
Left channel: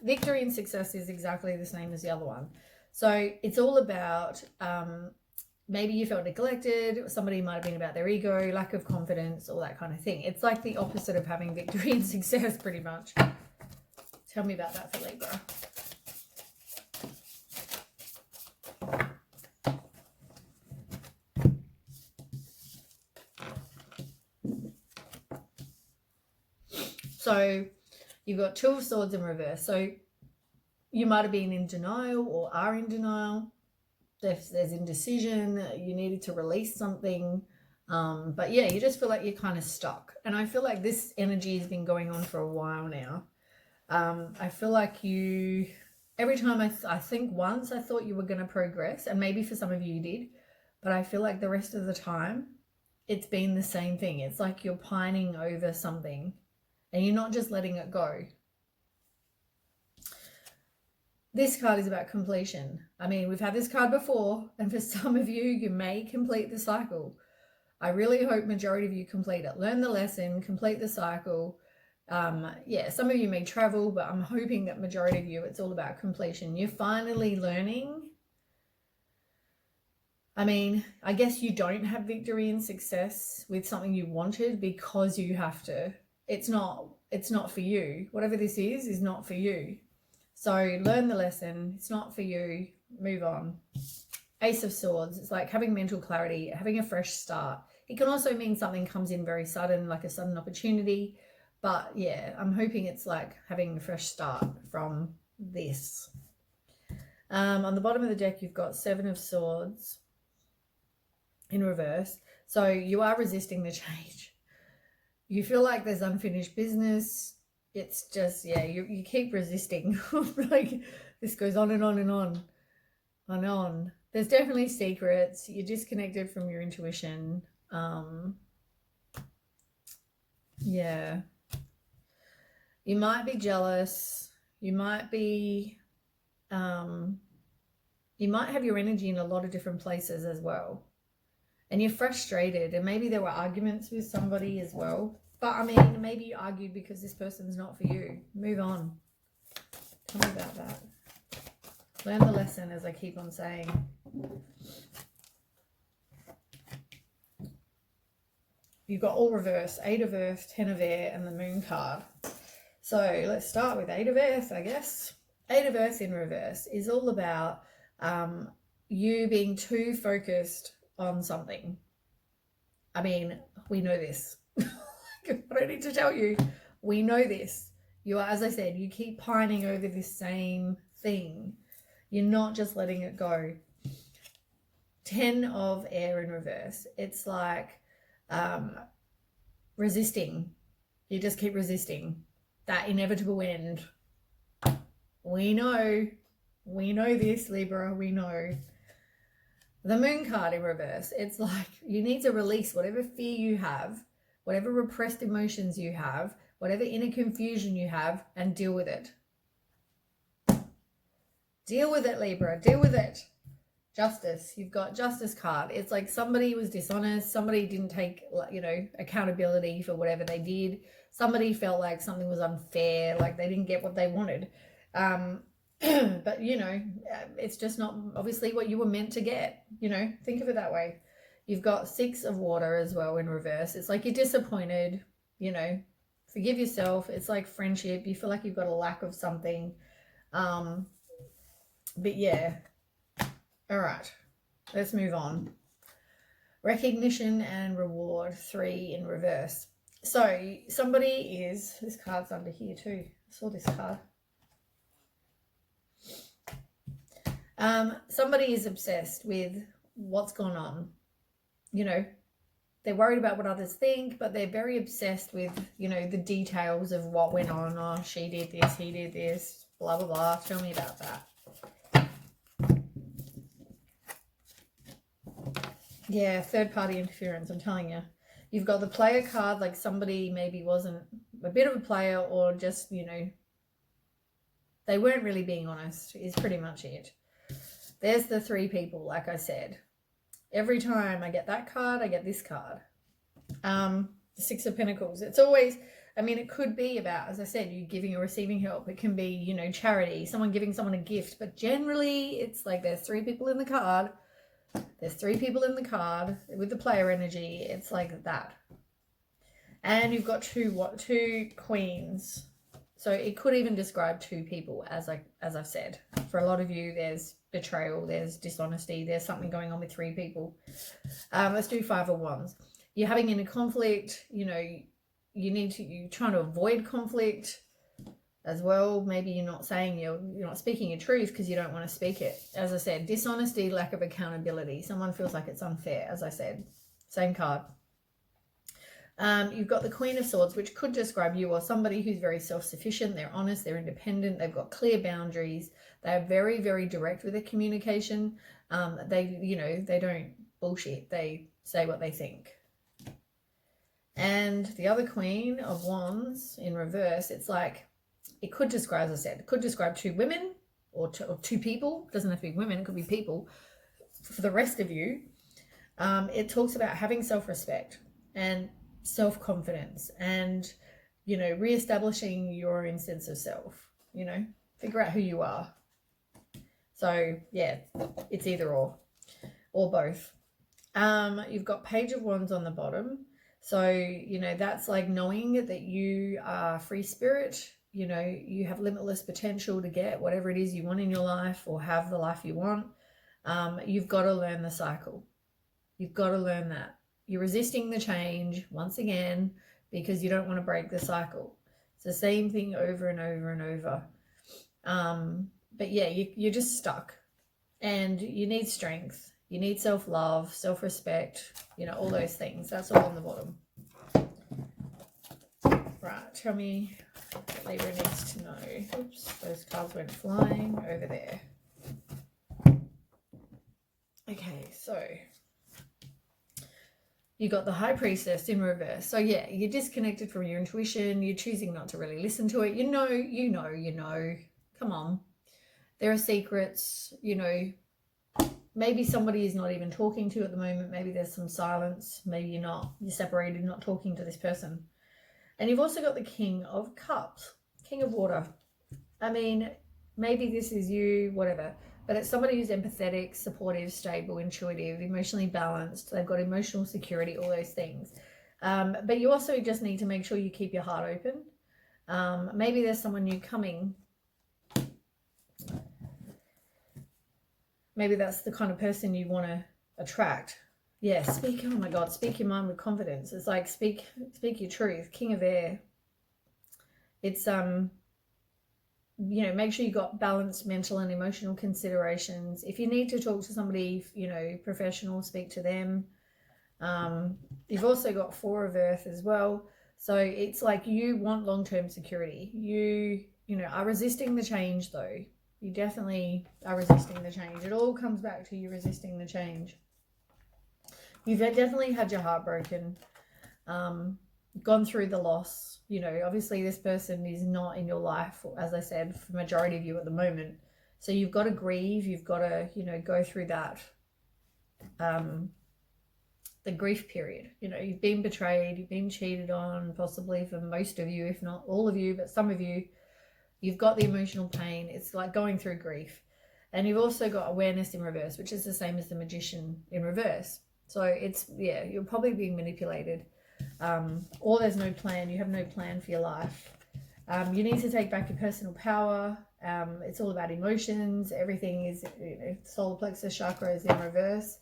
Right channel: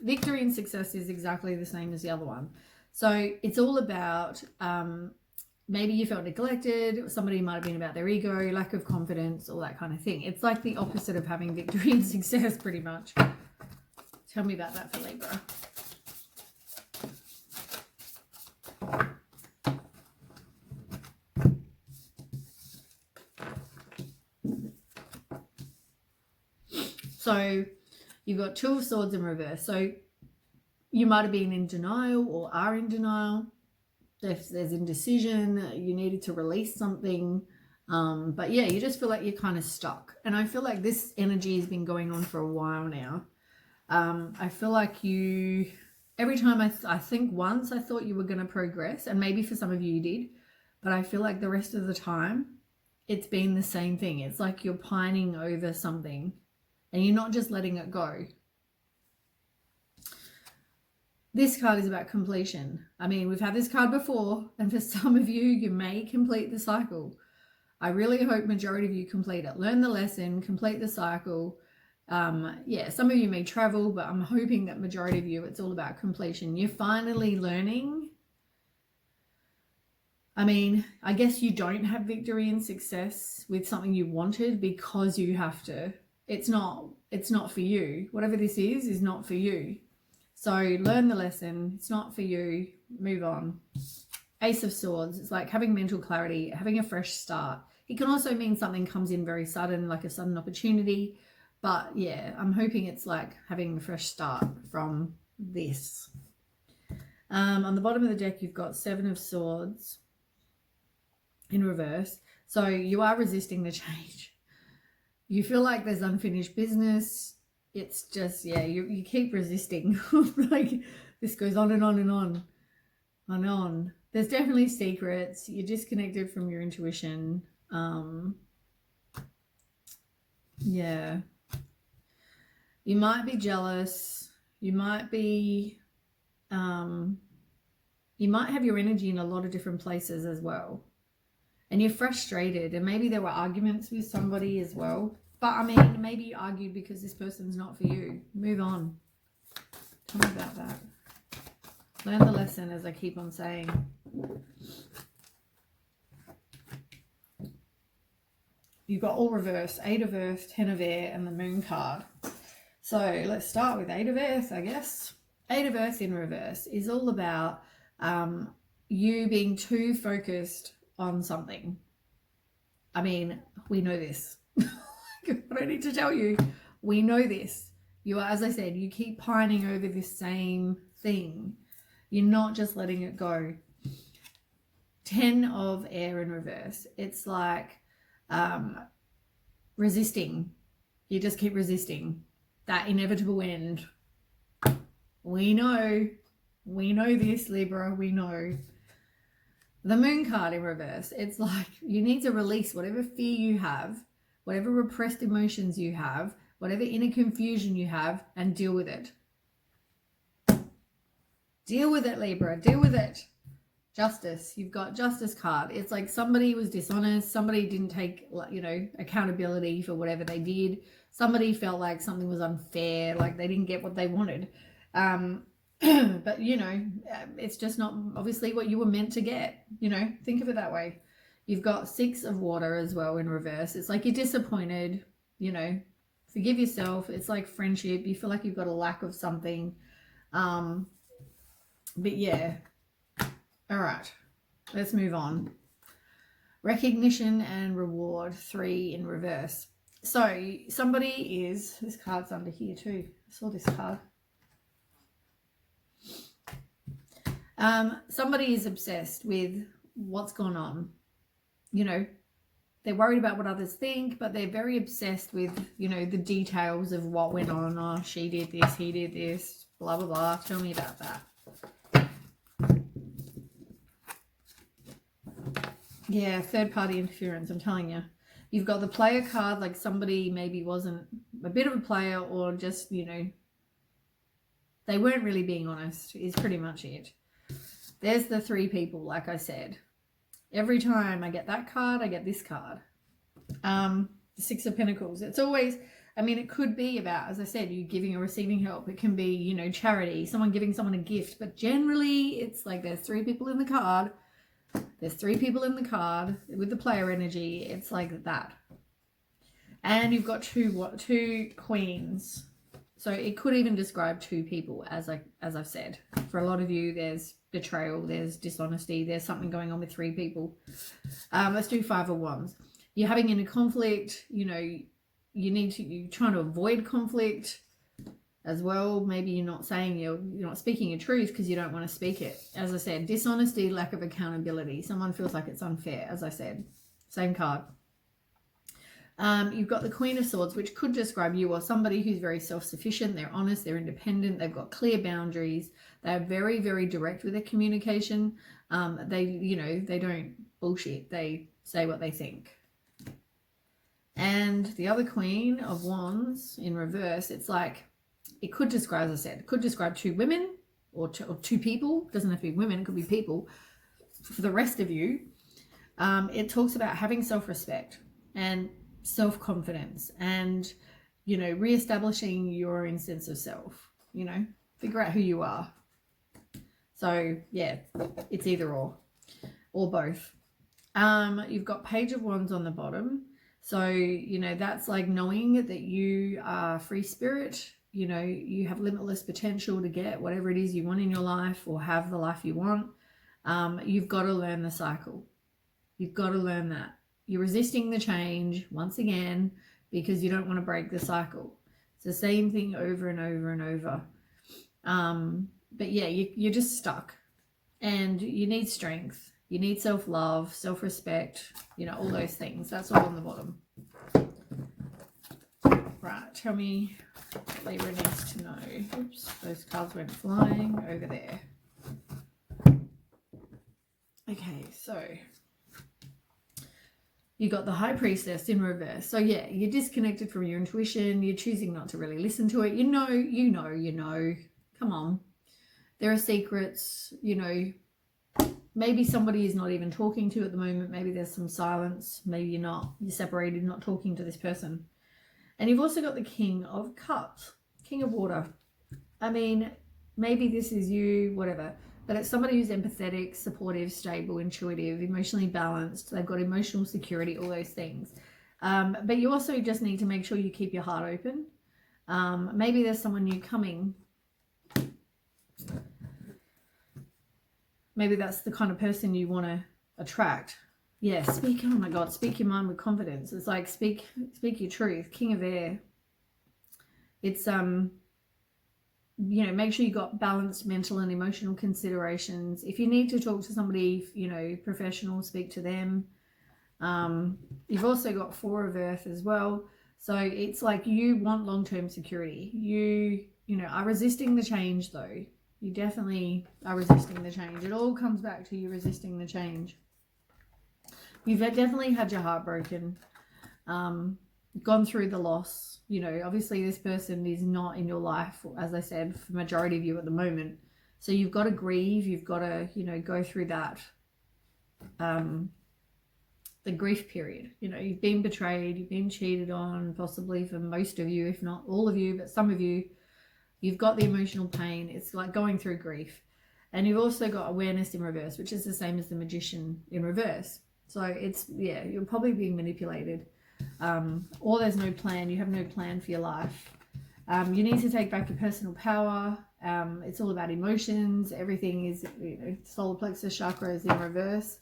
Victory and Success is exactly the same as the other one. So it's all about maybe you felt neglected, somebody might have been about their ego, lack of confidence, all that kind of thing. It's like the opposite of having victory and success, pretty much. Tell me about that for Libra. So you've got Two of Swords in reverse. So you might have been in denial or are in denial. There's indecision, you needed to release something. But yeah, you just feel like you're kind of stuck. And I feel like this energy has been going on for a while now. I feel like you, every time I think once I thought you were going to progress, and maybe for some of you did, but I feel like the rest of the time it's been the same thing. It's like you're pining over something and you're not just letting it go. This card is about completion. I mean, we've had this card before, and for some of you, you may complete the cycle. I really hope majority of you complete it. Learn the lesson, complete the cycle. Yeah, some of you may travel, but I'm hoping that majority of you, it's all about completion. You're finally learning. I mean, I guess you don't have victory and success with something you wanted because you have to. It's not for you. Whatever this is not for you. So learn the lesson. It's not for you. Move on. Ace of Swords. It's like having mental clarity, having a fresh start. It can also mean something comes in very sudden, like a sudden opportunity. But yeah, I'm hoping it's like having a fresh start from this. On the bottom of the deck, you've got Seven of Swords in reverse. So you are resisting the change. You feel like there's unfinished business. It's just, yeah, you keep resisting. Like This goes on and on and on and on. There's definitely secrets. You're disconnected from your intuition. Yeah. You might be jealous. You might be, you might have your energy in a lot of different places as well. And you're frustrated. And maybe there were arguments with somebody as well. But, I mean, maybe you argued because this person's not for you. Move on. Tell me about that. Learn the lesson, as I keep on saying. You've got all reverse. 8 of Earth, 10 of Air, and the Moon card. So let's start with 8 of Earth, I guess. 8 of Earth in reverse is all about you being too focused on something. I mean, we know this. I don't need to tell you. We know this. You are, as I said, you keep pining over this same thing. You're not just letting it go. 10 of Air in reverse. It's like resisting. You just keep resisting that inevitable end. We know this, Libra. We know. The Moon card in reverse. It's like you need to release whatever fear you have, whatever repressed emotions you have, whatever inner confusion you have, and deal with it. Deal with it, Libra. Deal with it. Justice. You've got Justice card. It's like somebody was dishonest. Somebody didn't take, accountability for whatever they did. Somebody felt like something was unfair, like they didn't get what they wanted. But, it's just not obviously what you were meant to get. Think of it that way. You've got 6 of Water as well in reverse. It's like you're disappointed, forgive yourself. It's like friendship. You feel like you've got a lack of something. But yeah. All right. Let's move on. Recognition and reward, 3 in reverse. So somebody is, this card's under here too. I saw this card. Somebody is obsessed with what's gone on. They're worried about what others think, but they're very obsessed with, the details of what went on. Oh, she did this, he did this, blah, blah, blah. Tell me about that. Yeah, third-party interference, I'm telling you. You've got the player card, like somebody maybe wasn't a bit of a player or just, they weren't really being honest is pretty much it. There's the 3 people, like I said. Every time I get that card, I get this card. The 6 of Pentacles. It's always, it could be about, as I said, you giving or receiving help. It can be, charity, someone giving someone a gift. But generally, it's like there's 3 people in the card. There's 3 people in the card with the player energy. It's like that. And you've got two queens. So it could even describe 2 people, as I've said. For a lot of you, there's betrayal, there's dishonesty, there's something going on with 3 people. Let's do 5 of Wands. You're having inner conflict. You're trying to avoid conflict as well. Maybe you're not saying you're not speaking your truth because you don't want to speak it. As I said, dishonesty, lack of accountability. Someone feels like it's unfair, as I said. Same card. You've got the Queen of Swords, which could describe you or somebody who's very self-sufficient. They're honest, they're independent, they've got clear boundaries. They're very, very direct with their communication. They don't bullshit. They say what they think. And the other Queen of Wands in reverse, it's like, it could describe, as I said, it could describe 2 women or 2 people. It doesn't have to be women, it could be people. For the rest of you, it talks about having self-respect and self-confidence and, re-establishing your own sense of self, figure out who you are. So, yeah, it's either or both. You've got Page of Wands on the bottom. So, that's like knowing that you are free spirit. You have limitless potential to get whatever it is you want in your life or have the life you want. You've got to learn the cycle. You've got to learn that. You're resisting the change once again because you don't want to break the cycle. It's the same thing over and over and over. But yeah, you're just stuck and you need strength. You need self-love, self-respect, all those things. That's all on the bottom. Right, tell me Libra needs to know. Oops, those cards went flying over there. Okay, so you got the High Priestess in reverse. So yeah, you're disconnected from your intuition. You're choosing not to really listen to it. You know. Come on. There are secrets, you know. Maybe somebody is not even talking to you at the moment. Maybe there's some silence. Maybe you're separated, not talking to this person. And you've also got the King of Cups, King of Water. I mean, maybe this is you, whatever. But it's somebody who's empathetic, supportive, stable, intuitive, emotionally balanced. They've got emotional security, all those things. But you also just need to make sure you keep your heart open. Maybe there's someone new coming. Maybe that's the kind of person you want to attract. Yeah, oh my God, speak your mind with confidence. It's like speak your truth. King of Air. It's, you know, make sure you got balanced mental and emotional considerations. If you need to talk to somebody, you know, professional, speak to them. You've also got Four of Earth as well. So it's like you want long-term security. You know, are resisting the change though. You definitely are resisting the change. It all comes back to you resisting the change. You've definitely had your heart broken, gone through the loss. You know, obviously this person is not in your life, as I said, for the majority of you at the moment. So you've got to grieve. You've got to, you know, go through that, the grief period. You know, you've been betrayed, you've been cheated on, possibly for most of you, if not all of you, but some of you. You've got the emotional pain. It's like going through grief. And you've also got awareness in reverse, which is the same as the Magician in reverse. So it's, yeah, you're probably being manipulated. Or there's no plan. You have no plan for your life. You need to take back your personal power. It's all about emotions. Everything is, you know, solar plexus chakra is in reverse.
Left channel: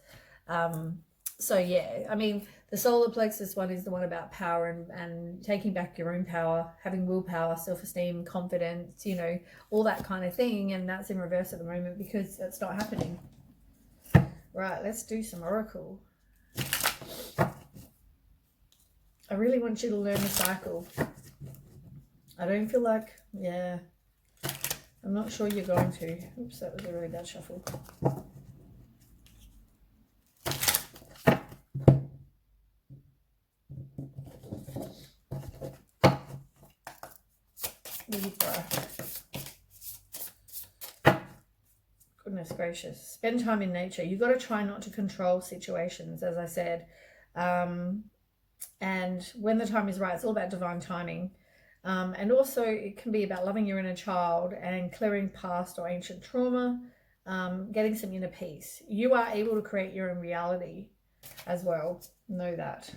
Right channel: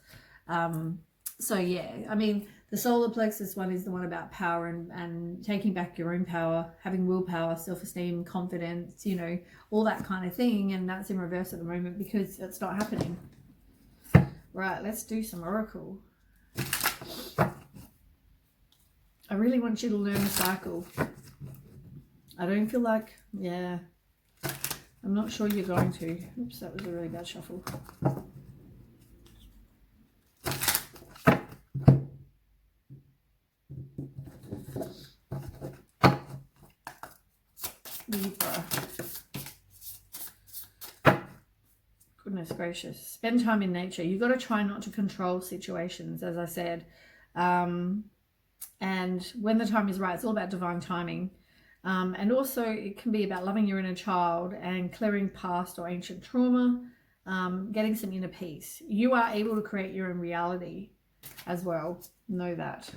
So yeah, I mean, the solar plexus one is the one about power and taking back your own power, having willpower, self-esteem, confidence, you know, all that kind of thing. And that's in reverse at the moment because it's not happening. Right, let's do some oracle. I really want you to learn the cycle. I don't feel like, yeah, I'm not sure you're going to. Oops, that was a really bad shuffle. Libra. Goodness gracious. Spend time in nature. You've got to try not to control situations, as I said. And when the time is right, it's all about divine timing. And also it can be about loving your inner child and clearing past or ancient trauma, getting some inner peace. You are able to create your own reality as well. Know that.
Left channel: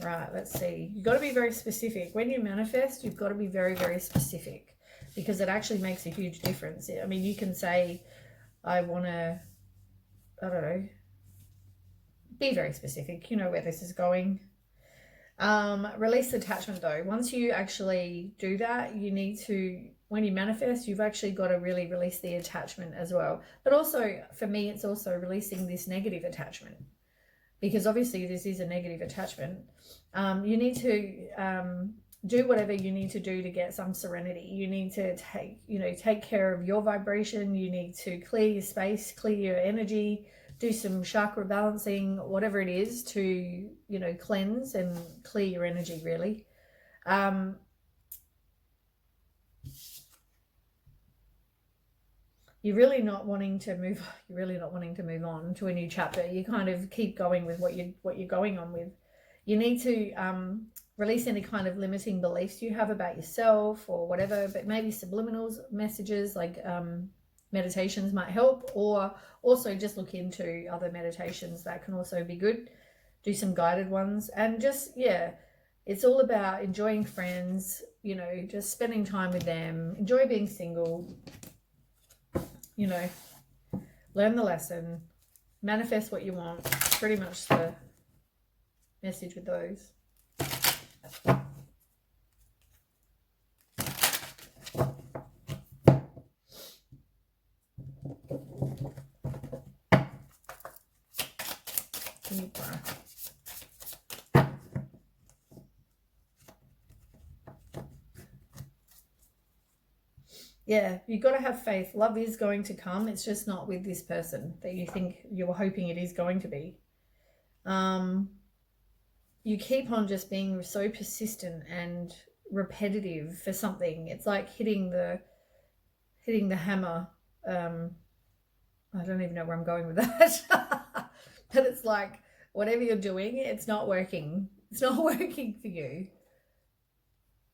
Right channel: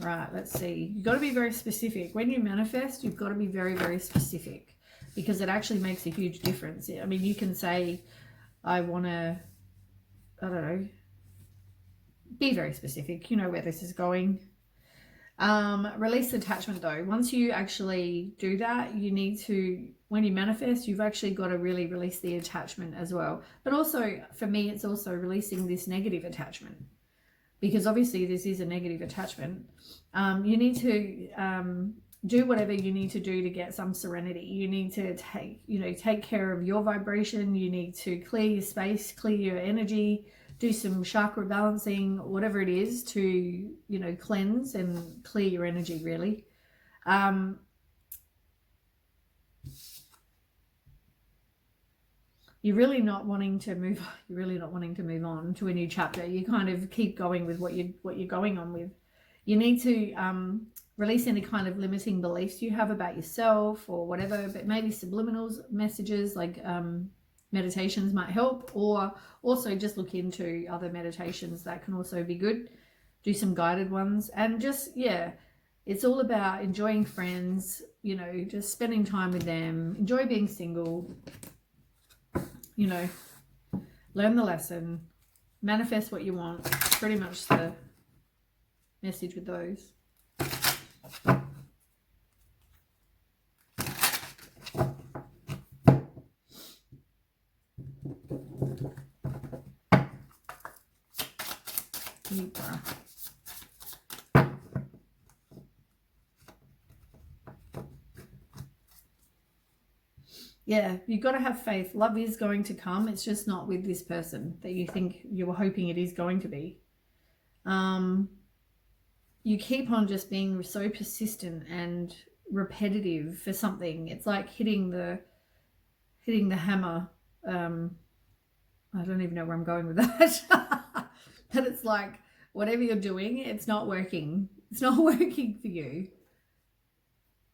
Right, let's see. You've got to be very specific. When you manifest, you've got to be very, very specific because it actually makes a huge difference. I mean, you can say, I want to, I don't know, be very specific. You know where this is going. Release attachment though. Once you actually do that, you need to, when you manifest, you've actually got to really release the attachment as well. But also, for me, it's also releasing this negative attachment. Because obviously this is a negative attachment. You need to do whatever you need to do to get some serenity. You need to take care of your vibration. You need to clear your space, clear your energy, do some chakra balancing, whatever it is to, you know, cleanse and clear your energy really. You're really not wanting to move on to a new chapter. You kind of keep going with what you're going on with. You need to release any kind of limiting beliefs you have about yourself or whatever, but maybe subliminal messages like meditations might help, or also just look into other meditations that can also be good. Do some guided ones, and just, yeah, it's all about enjoying friends, you know, just spending time with them, enjoy being single. You know, learn the lesson, manifest what you want. Pretty much the message with those. Libra. Yeah, you've got to have faith. Love is going to come. It's just not with this person that you think you were hoping it is going to be. You keep on just being so persistent and repetitive for something. It's like hitting the hammer. I don't even know where I'm going with that. But it's like whatever you're doing, it's not working. It's not working for you.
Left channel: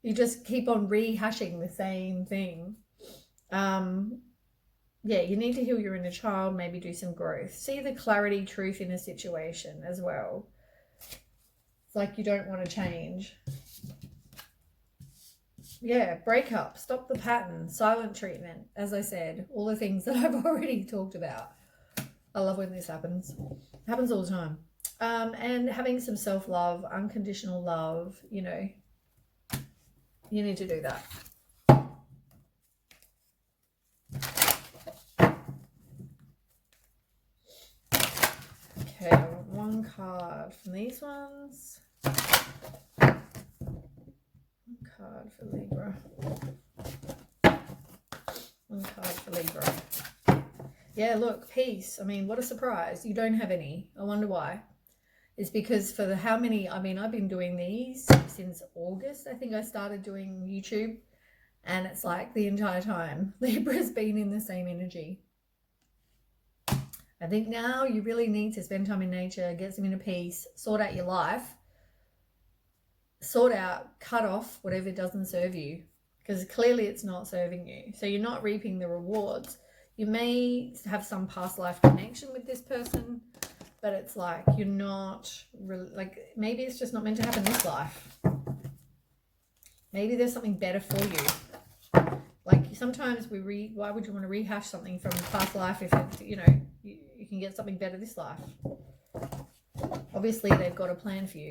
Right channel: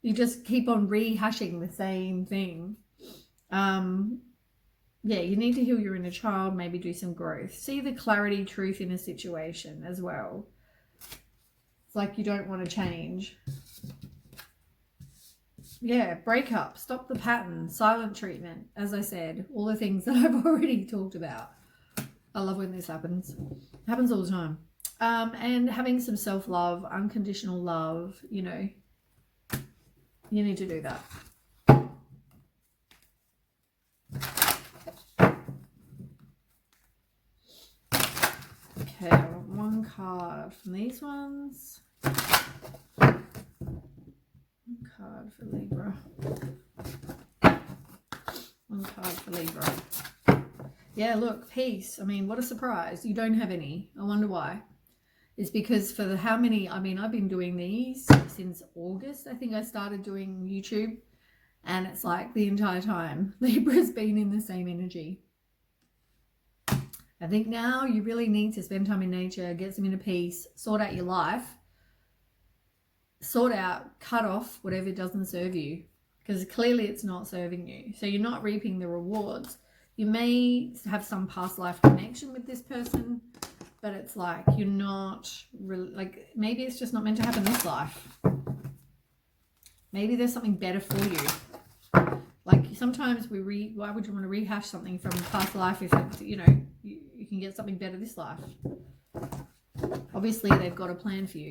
You just keep on rehashing the same thing. Yeah, you need to heal your inner child, maybe do some growth. See the clarity, truth in a situation as well. It's like you don't want to change. Yeah, break up, stop the pattern, silent treatment, as I said, all the things that I've already talked about. I love when this happens. It happens all the time. And having some self-love, unconditional love, you know, you need to do that. Okay, I want one card from these ones. One card for Libra. One card for Libra. Yeah, look, peace. I mean, what a surprise. You don't have any. I wonder why. It's because for the how many, I mean, I've been doing these since August. I think I started doing YouTube. And it's like the entire time, Libra's been in the same energy. I think now you really need to spend time in nature, get some inner peace, sort out your life, sort out, cut off whatever doesn't serve you, because clearly it's not serving you. So you're not reaping the rewards. You may have some past life connection with this person, but it's like you're not really, like maybe it's just not meant to happen this life. Maybe there's something better for you. Like sometimes why would you want to rehash something from past life if it, you know, you can get something better this life? Obviously they've got a plan for you.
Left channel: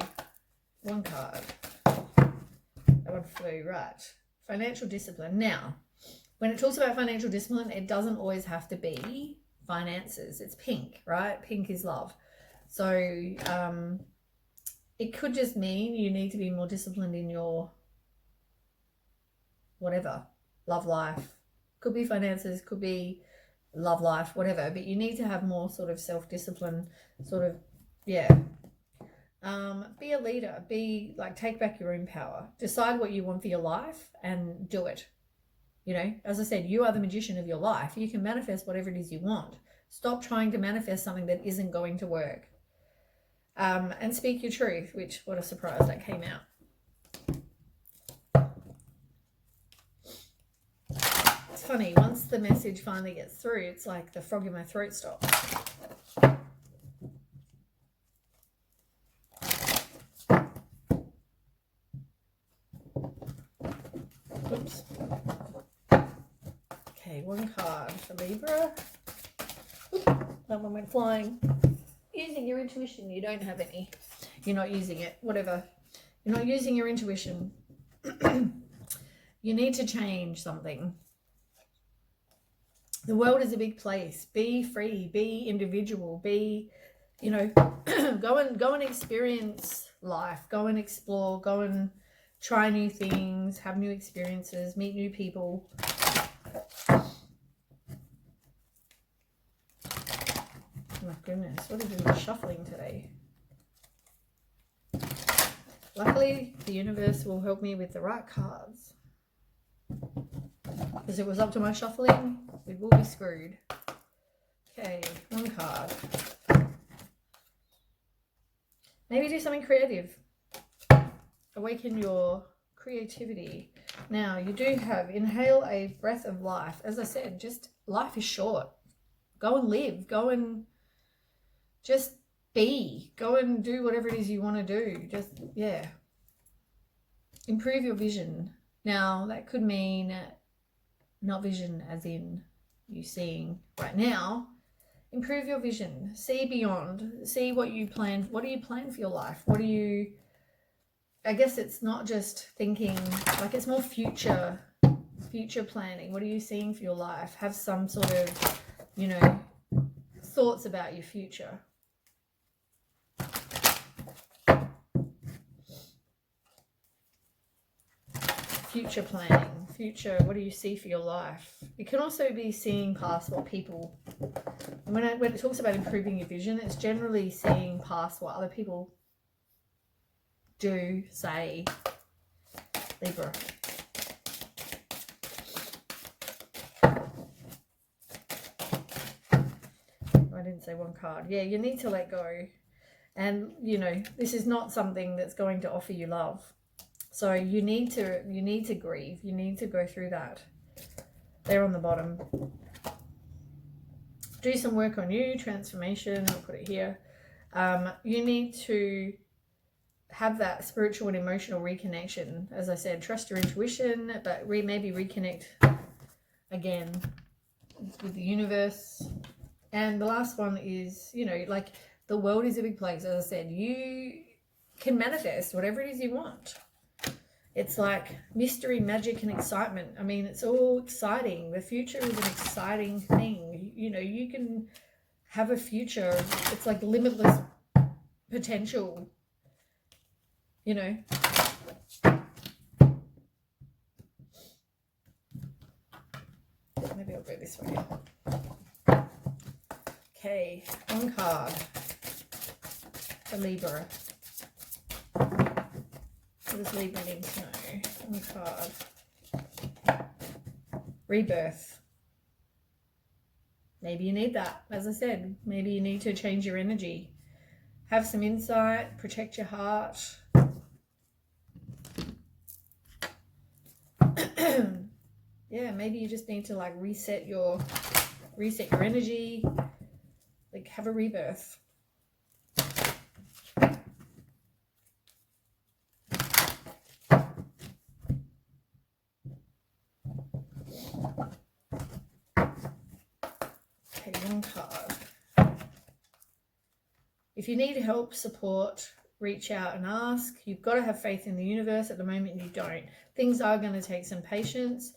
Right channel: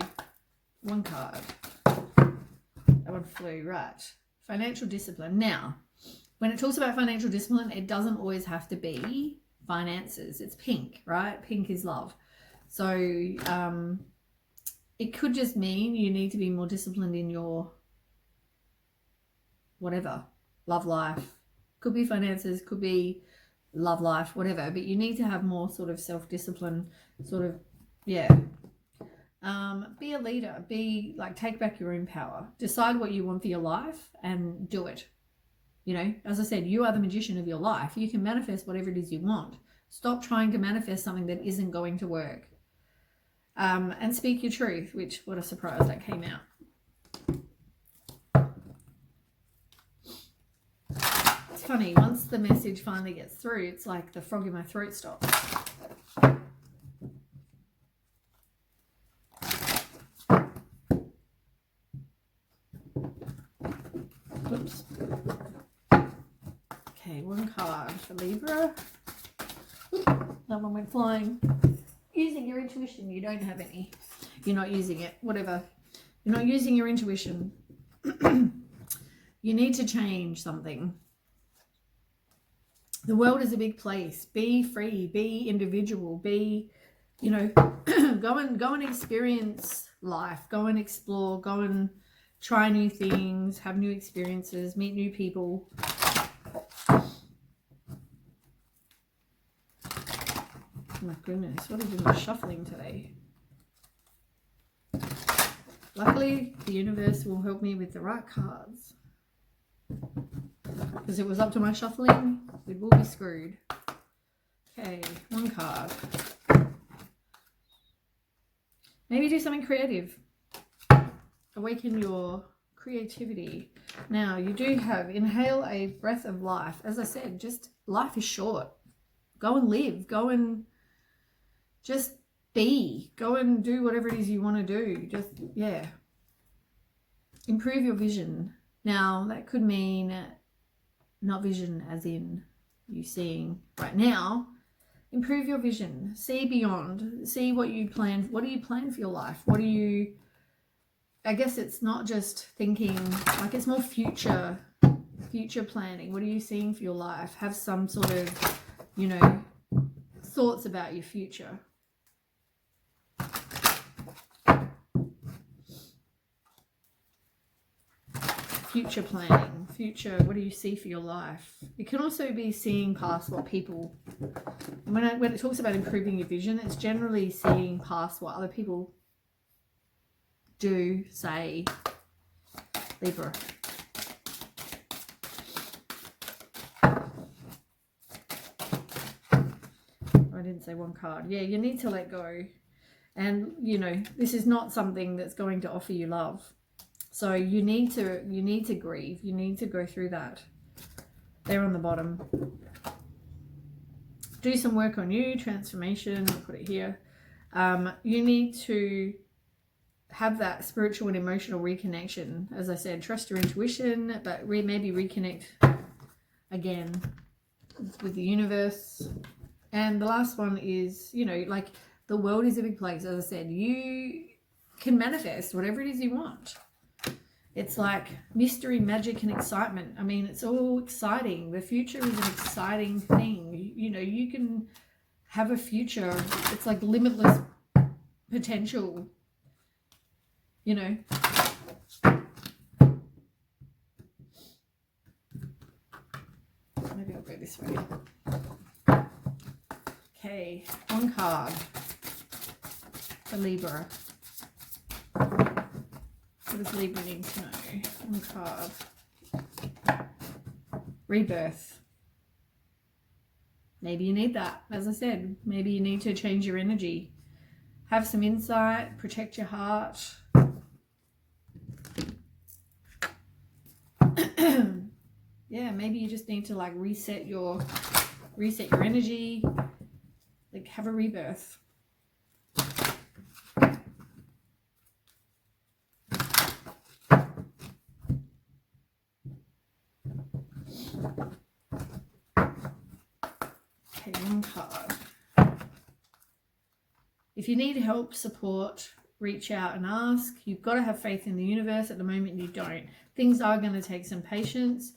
One card. That one flew, right. Financial discipline. Now, when it talks about financial discipline, it doesn't always have to be finances. It's pink, right? Pink is love. So it could just mean you need to be more disciplined in your whatever, love life. Could be finances, could be love life, whatever. But you need to have more sort of self-discipline, sort of, yeah. Be a leader. Be like, take back your own power. Decide what you want for your life and do it. You know, as I said, you are the magician of your life. You can manifest whatever it is you want. Stop trying to manifest something that isn't going to work. And speak your truth, which, what a surprise, that came out. It's funny, once the message finally gets through, it's like the frog in my throat stops. Oops. Okay, one card for Libra. That one went flying. Using your intuition, you don't have any. You're not using it, whatever. You're not using your intuition. You need to change something. The world is a big place. Be free, be individual, be, you know, go and experience life. Go and explore, go and try new things, have new experiences, meet new people. Oh my goodness, what have we been shuffling today? Luckily, the universe will help me with the right cards. Because if it was up to my shuffling, we will be screwed. Okay, one card. Maybe do something creative. Awaken your creativity. Now, you do have inhale a breath of life. As I said, just life is short. Go and live. Go and just be. Go and do whatever it is you want to do. Just, yeah. Improve your vision. Now, that could mean not vision as in you seeing right now. Improve your vision. See beyond. See what you plan. What do you plan for your life? What do you... I guess it's not just thinking, like it's more future planning. What are you seeing for your life? Have some sort of, you know, thoughts about your future. Future planning. future, what do you see for your life? It can also be seeing past what people, and when it talks about improving your vision, it's generally seeing past what other people do, say, Libra. I didn't say one card. Yeah, you need to let go. And, you know, this is not something that's going to offer you love. So you need to grieve. You need to go through that. There on the bottom. Do some work on you, transformation, I'll put it here. You need to have that spiritual and emotional reconnection. As I said, trust your intuition, but maybe reconnect again with the universe. And the last one is, you know, like, the world is a big place. As I said, you can manifest whatever it is you want. It's like mystery, magic, and excitement. I mean, it's all exciting. The future is an exciting thing. You know, you can have a future. It's like limitless potential, you know. Maybe I'll go this way. Okay, one card for Libra. What does Libra need to know? One card. Rebirth. Maybe you need that. As I said, maybe you need to change your energy. Have some insight. Protect your heart. Yeah, maybe you just need to like reset your energy. Like, have a rebirth. Okay, one card. If you need help, support, reach out and ask. You've got to have faith in the universe. At the moment, you don't. Things are going to take some patience.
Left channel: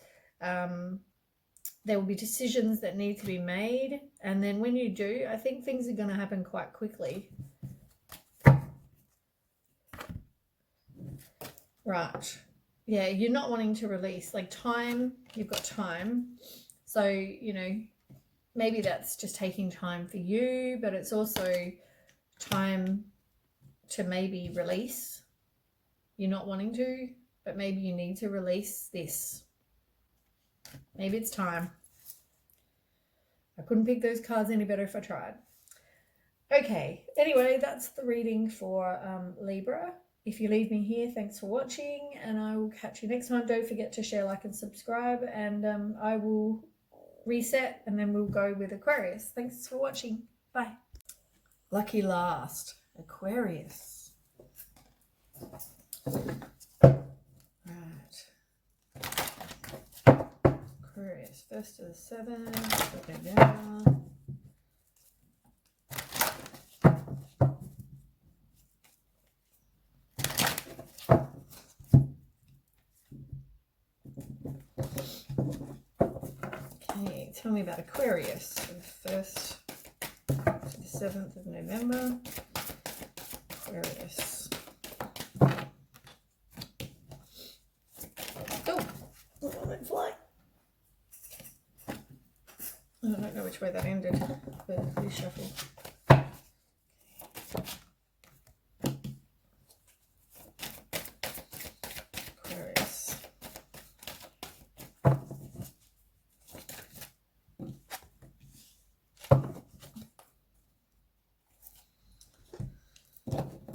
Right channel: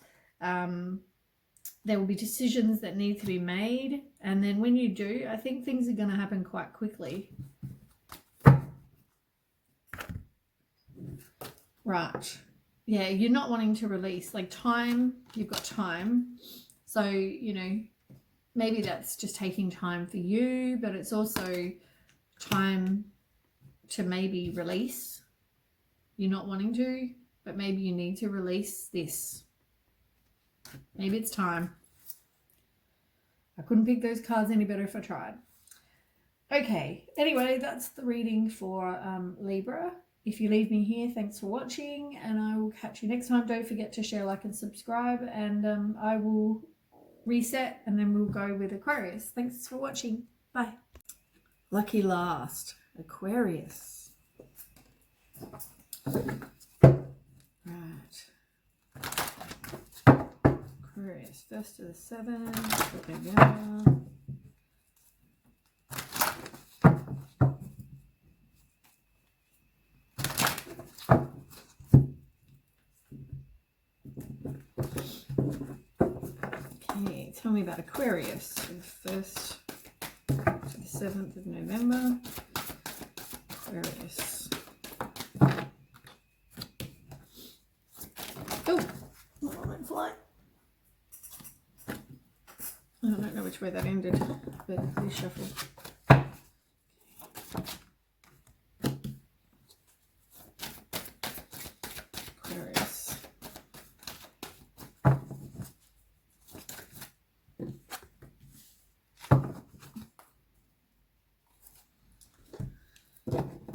There will be decisions that need to be made. And then when you do, I think things are going to happen quite quickly. Right. Yeah, you're not wanting to release. Like, time, you've got time. So, you know, maybe that's just taking time for you, but it's also time to maybe release. You're not wanting to, but maybe you need to release this. Maybe it's time. I couldn't pick those cards any better if I tried. Okay, anyway, that's the reading for Libra. If you leave me here, thanks for watching, and I will catch you next time. Don't forget to share, like, and subscribe, and I will reset, and then we'll go with Aquarius. Thanks for watching. Bye. Lucky last, Aquarius. Right. Aquarius, 1st to the 7th of November. Okay, tell me about Aquarius, the 1st to the 7th of November. Aquarius. Oh, I went flying. I don't know which way that ended, but reshuffle. Aquarius.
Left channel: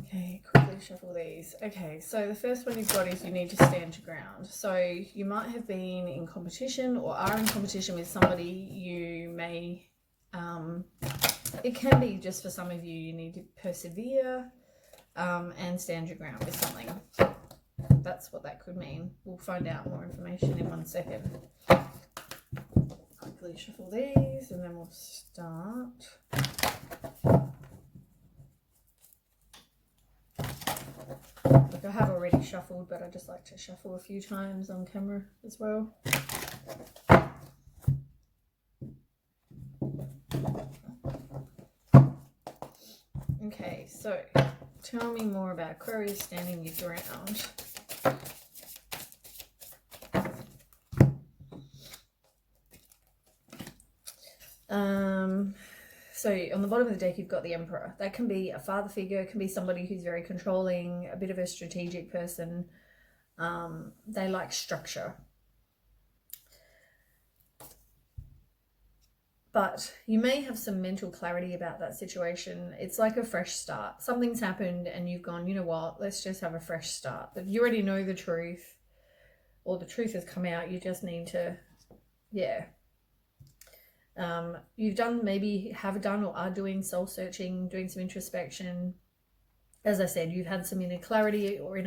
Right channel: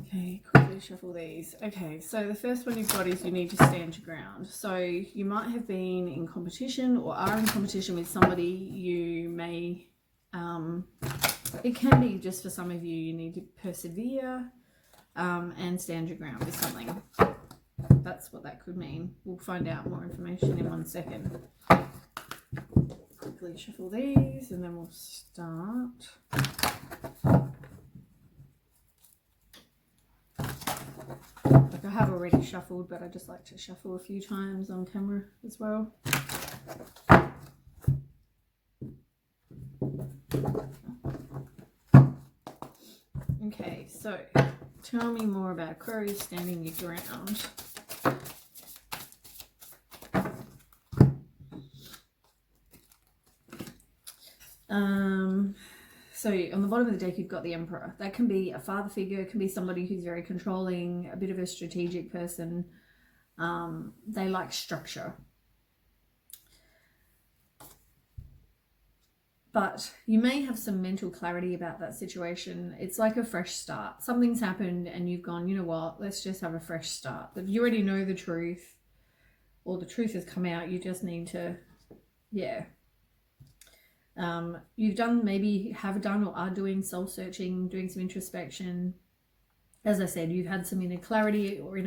Okay, quickly shuffle these. Okay, so the first one you've got is you need to stand your ground. So you might have been in competition or are in competition with somebody. You may, it can be just for some of you, you need to persevere and stand your ground with something. That's what that could mean. We'll find out more information in 1 second. Quickly shuffle these and then we'll start. Like, I have already shuffled, but I just like to shuffle a few times on camera as well. Okay, so tell me more about Aquarius standing your ground. So on the bottom of the deck, you've got the Emperor. That can be a father figure, it can be somebody who's very controlling, a bit of a strategic person. They like structure. But you may have some mental clarity about that situation. It's like a fresh start. Something's happened and you've gone, you know what, let's just have a fresh start. But you already know the truth, or the truth has come out. You just need to, yeah. You've done, maybe have done or are doing soul searching, doing some introspection. As I said, you've had some inner clarity, or you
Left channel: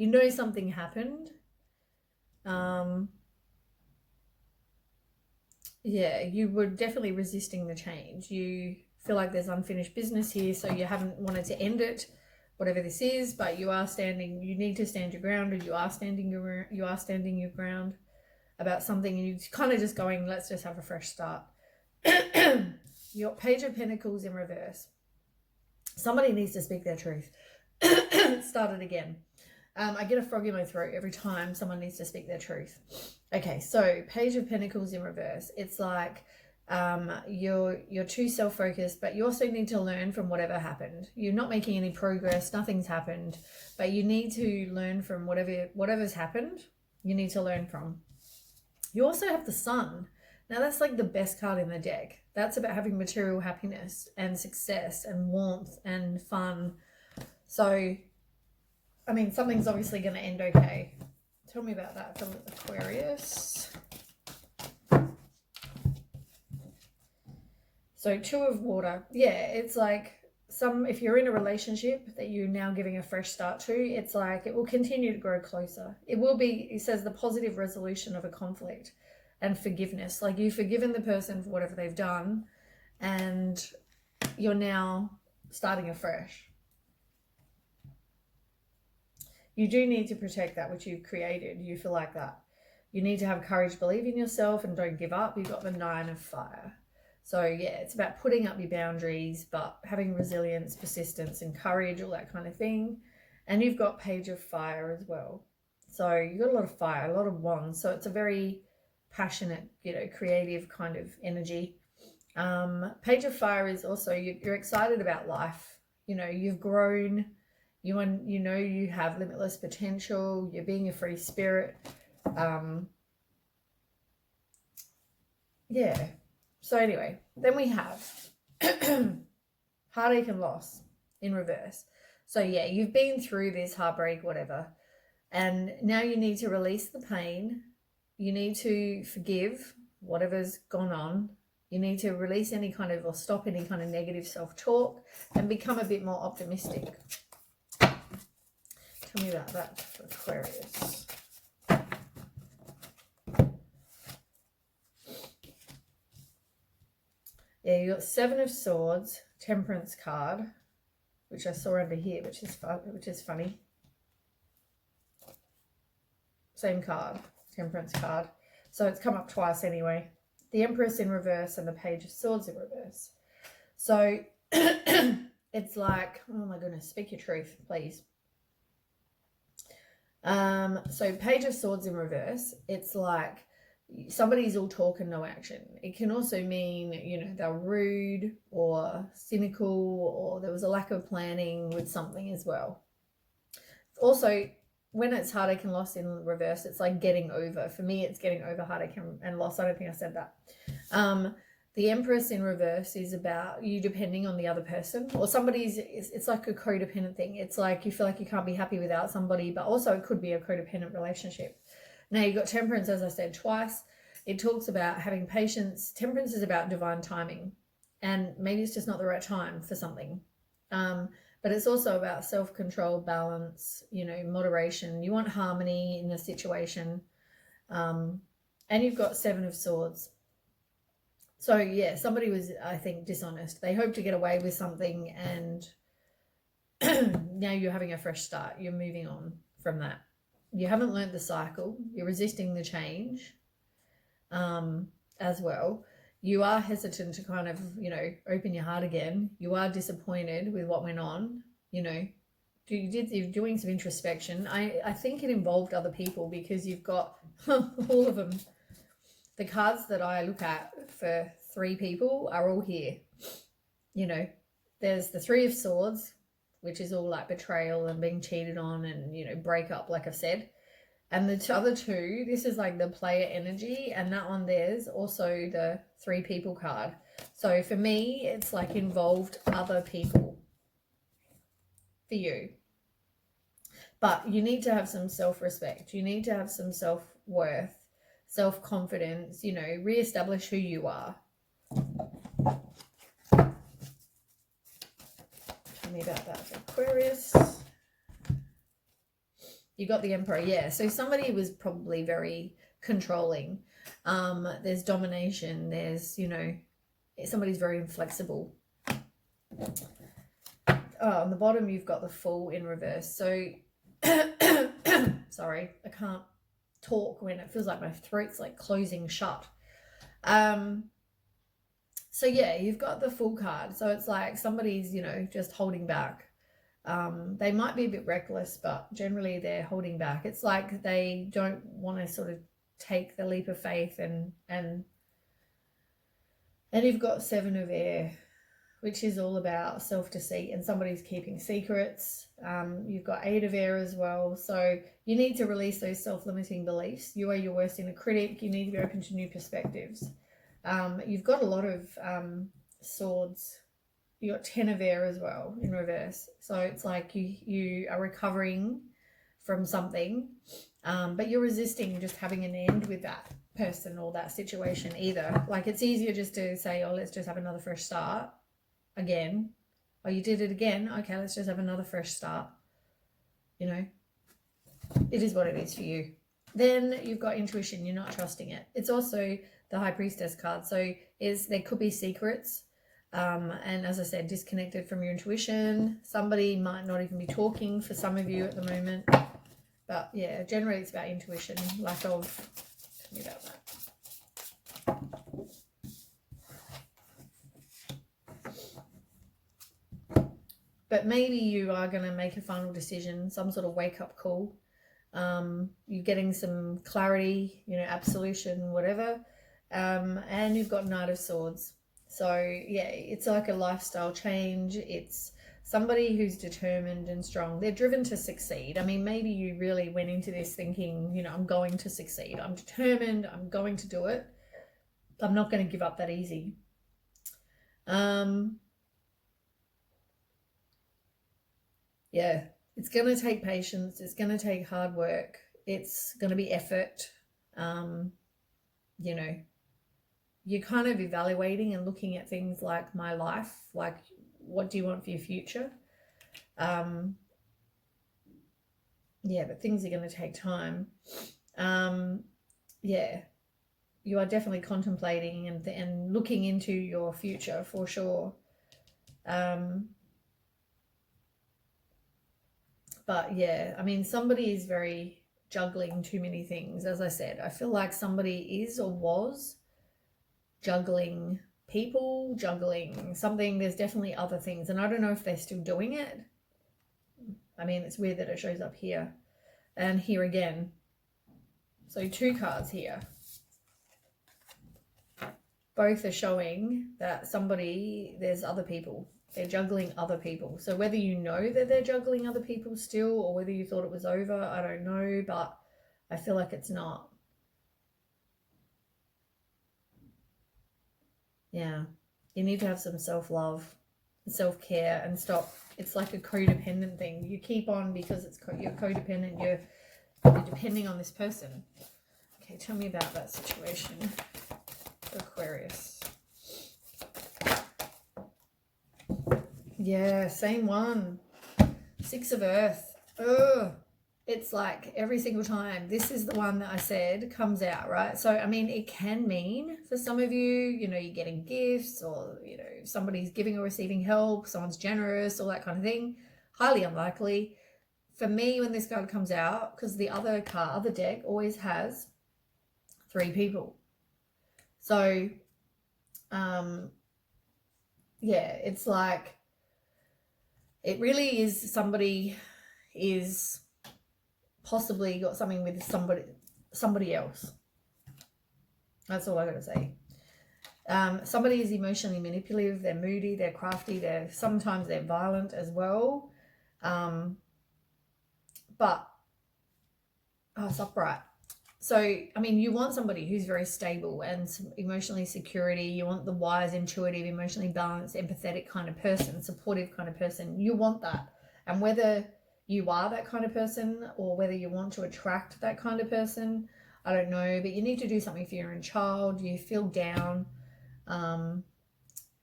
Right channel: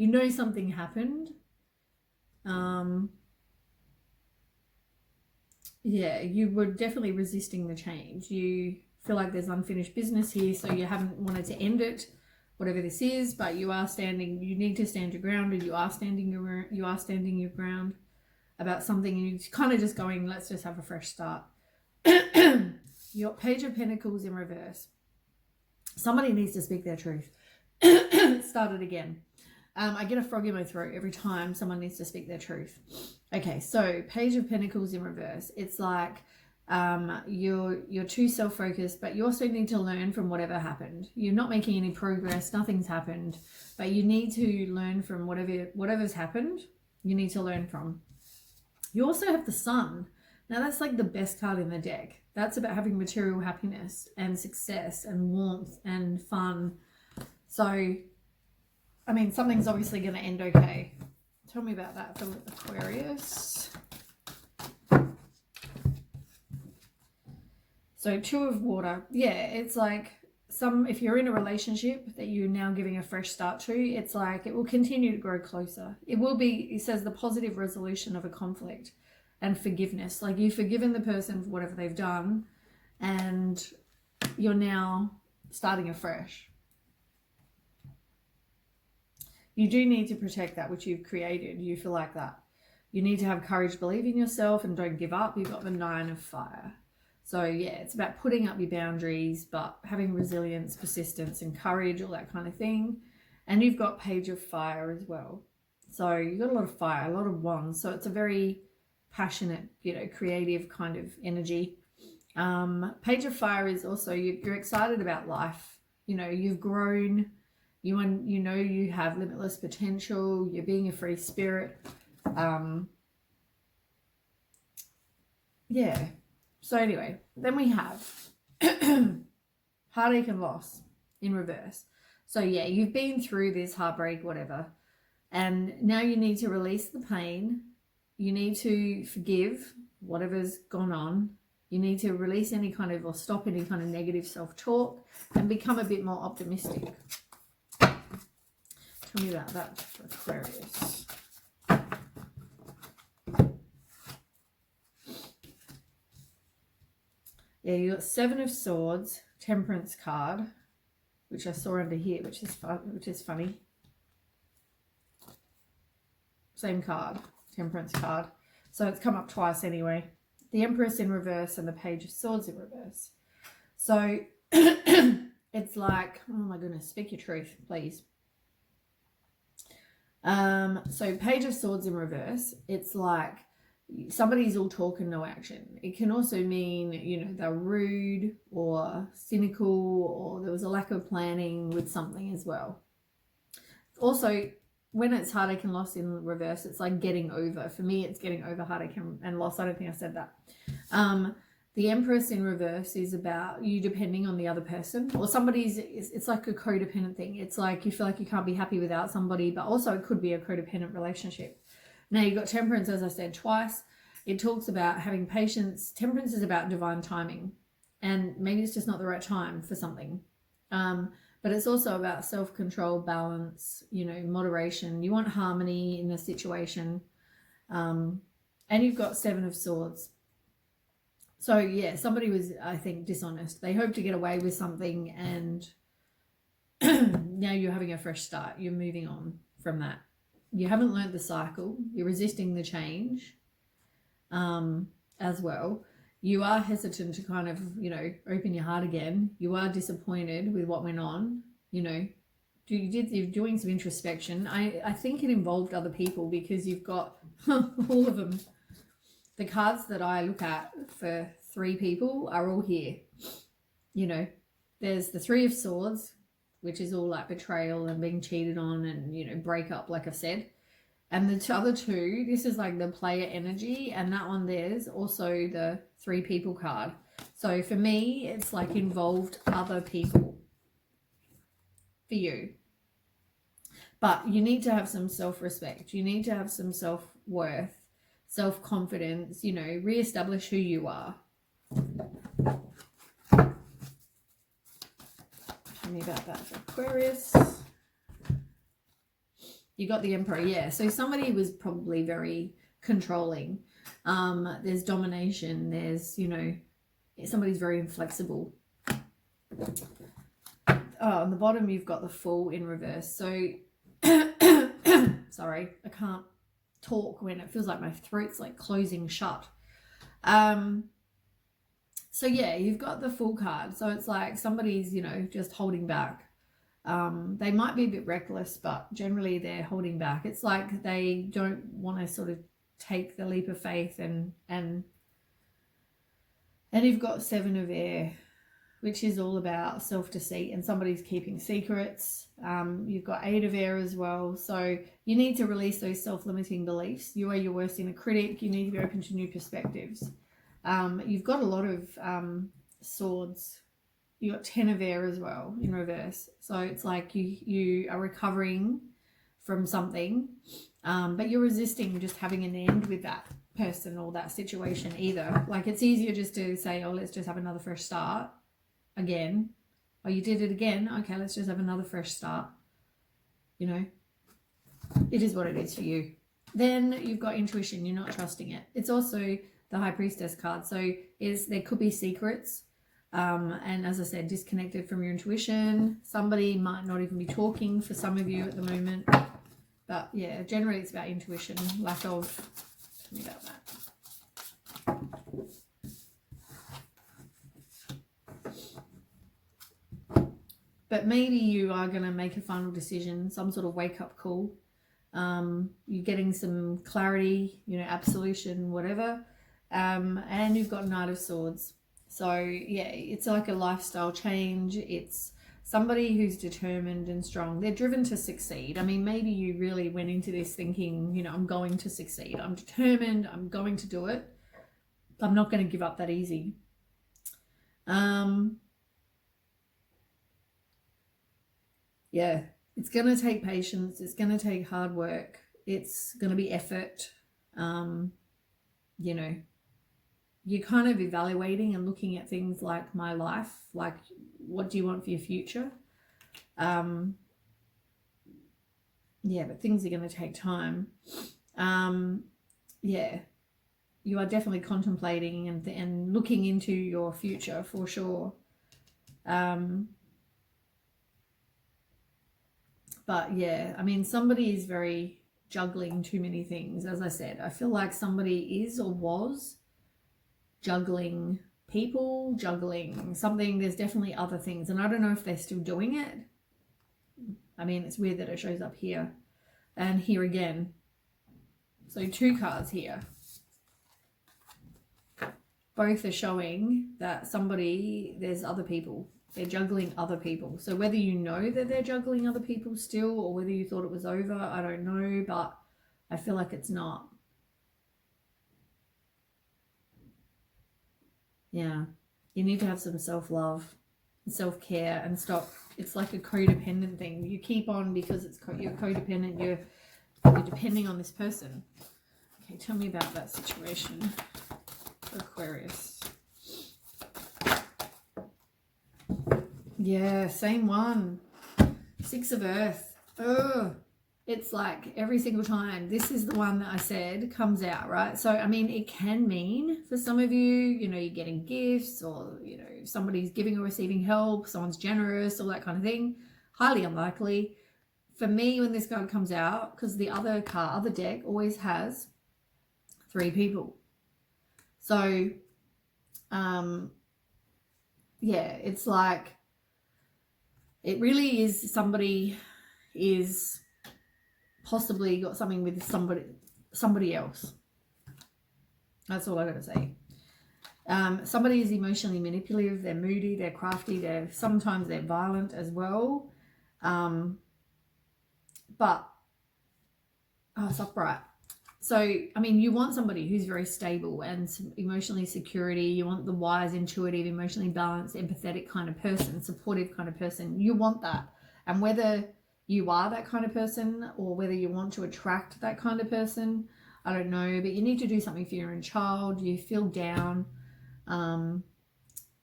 know something happened. Yeah, you were definitely resisting the change. You feel like there's unfinished business here, so you haven't wanted to end it, whatever this is, but you are standing, you need to stand your ground, or you are standing your ground about something, and you're kind of just going, let's just have a fresh start. You got Page of Pentacles in reverse. Somebody needs to speak their truth. Start it again. I get a frog in my throat every time someone needs to speak their truth. Okay, so Page of Pentacles in reverse. It's like you're too self-focused, but you also need to learn from whatever happened. You're not making any progress, nothing's happened, but you need to learn from whatever's happened. You need to learn from. You also have the Sun. Now that's like the best card in the deck. That's about having material happiness and success and warmth and fun. So, I mean, something's obviously going to end okay. Tell me about that from Aquarius. So 2 of Water. Yeah, it's like if you're in a relationship that you're now giving a fresh start to, it's like it will continue to grow closer. It will be, it says, the positive resolution of a conflict and forgiveness. Like you've forgiven the person for whatever they've done and you're now starting afresh. You do need to protect that which you've created. You feel like that. You need to have courage, believe in yourself, and don't give up. You've got the 9 of Fire. So yeah, it's about putting up your boundaries, but having resilience, persistence, and courage, all that kind of thing. And you've got Page of Fire as well. So you've got a lot of fire, a lot of wands. So it's a very passionate, creative kind of energy. Page of Fire is also, you're excited about life. You've grown. You have limitless potential. You're being a free spirit. Yeah. So anyway, then we have heartache and loss in reverse. So yeah, you've been through this heartbreak, whatever, and now you need to release the pain. You need to forgive whatever's gone on. You need to release any kind of, or stop any kind of negative self-talk and become a bit more optimistic. Tell me about that for Aquarius. Yeah, you got 7 of Swords, Temperance card, which I saw under here, which is funny. Same card, Temperance card. So it's come up twice anyway. The Empress in reverse and the Page of Swords in reverse. So it's like, oh my goodness, speak your truth, please. So Page of Swords in reverse, it's like somebody's all talk and no action. It can also mean, they're rude or cynical, or there was a lack of planning with something as well. Also, when it's heartache and loss in reverse, it's like getting over. For me, it's getting over heartache and loss. I don't think I said that. The Empress in reverse is about you depending on the other person, or it's like a codependent thing. It's like you feel like you can't be happy without somebody, but also it could be a codependent relationship. Now you've got Temperance, as I said twice. It talks about having patience. Temperance is about divine timing, and maybe it's just not the right time for something. But it's also about self-control, balance, moderation. You want harmony in a situation. And you've got 7 of Swords. So yeah, somebody was, I think, dishonest. They hoped to get away with something, and now you're having a fresh start. You're moving on from that. You haven't learned the cycle. You're resisting the change as well. You are hesitant to kind of, open your heart again. You are disappointed with what went on. You're doing some introspection. I think it involved other people, because you've got all of them. the cards that I look at for 3 people are all here. You know, there's the 3 of Swords, which is all like betrayal and being cheated on and, you know, breakup, like I've said. And the other 2, this is like the player energy, and that one there's also the 3 people card. So for me, it's like involved other people for you. But you need to have some self-respect. You need to have some self-worth, self-confidence, you know, reestablish who you are. Tell me about that for Aquarius. You got the Emperor, yeah. So somebody was probably very controlling. There's domination. There's, you know, somebody's very inflexible. On the bottom, you've got the Fool in reverse. So, sorry, I can't talk when it feels like my throat's like closing shut. So yeah, you've got the Fool card. So it's like somebody's, you know, just holding back. They might be a bit reckless, but generally they're holding back. It's like they don't want to sort of take the leap of faith, and you've got 7 of Air, which is all about self-deceit, and somebody's keeping secrets. You've got 8 of Air as well. So you need to release those self-limiting beliefs. You are your worst inner critic. You need to be open to new perspectives. You've got a lot of Swords. You got 10 of Air as well in reverse. So it's like you are recovering from something, but you're resisting just having an end with that person or that situation either. Like, it's easier just to say, oh, let's just have another fresh start again. Oh, you did it again. Okay, let's just have another fresh start. You know, it is what it is for you. Then you've got intuition. You're not trusting it. It's also the High Priestess card. So there could be secrets. And as I said, disconnected from your intuition. Somebody might not even be talking for some of you at the moment. But yeah, generally it's about intuition, lack of, tell me about that. But maybe you are going to make a final decision, some sort of wake-up call. You're getting some clarity, you know, absolution, whatever. And you've got Knight of Swords. So yeah, it's like a lifestyle change. It's somebody who's determined and strong. They're driven to succeed. I mean, maybe you really went into this thinking, you know, I'm going to succeed. I'm determined. I'm going to do it. I'm not going to give up that easy. Yeah, it's going to take patience. It's going to take hard work. It's going to be effort. You know, you're kind of evaluating and looking at things like my life, like what do you want for your future? Yeah, but things are going to take time. Yeah, you are definitely contemplating and looking into your future for sure. But yeah, I mean, somebody is very juggling too many things. As I said, I feel like somebody is or was juggling people, juggling something. There's definitely other things, and I don't know if they're still doing it. I mean, it's weird that it shows up here and here again. So 2 cards here. Both are showing that there's other people. They're juggling other people. So whether you know that they're juggling other people still, or whether you thought it was over, I don't know, but I feel like it's not. Yeah, you need to have some self-love, self-care, and stop. It's like a codependent thing. You keep on because you're codependent. You're depending on this person. Okay, tell me about that situation, Aquarius. Yeah, same one. 6 of Earth. Oh, it's like every single time. This is the one that I said comes out, right? So, I mean, it can mean for some of you, you know, you're getting gifts, or, you know, somebody's giving or receiving help, someone's generous, all that kind of thing. Highly unlikely. For me, when this card comes out, because the other deck always has 3 people. So, yeah, it's like, it really is somebody is possibly got something with somebody else. That's all I got to say. Somebody is emotionally manipulative. They're moody. They're crafty. Sometimes they're violent as well. But it's upright. So, I mean, you want somebody who's very stable and emotionally security. You want the wise, intuitive, emotionally balanced, empathetic kind of person, supportive kind of person. You want that. And whether you are that kind of person or whether you want to attract that kind of person, I don't know. But you need to do something for your own child. You feel down.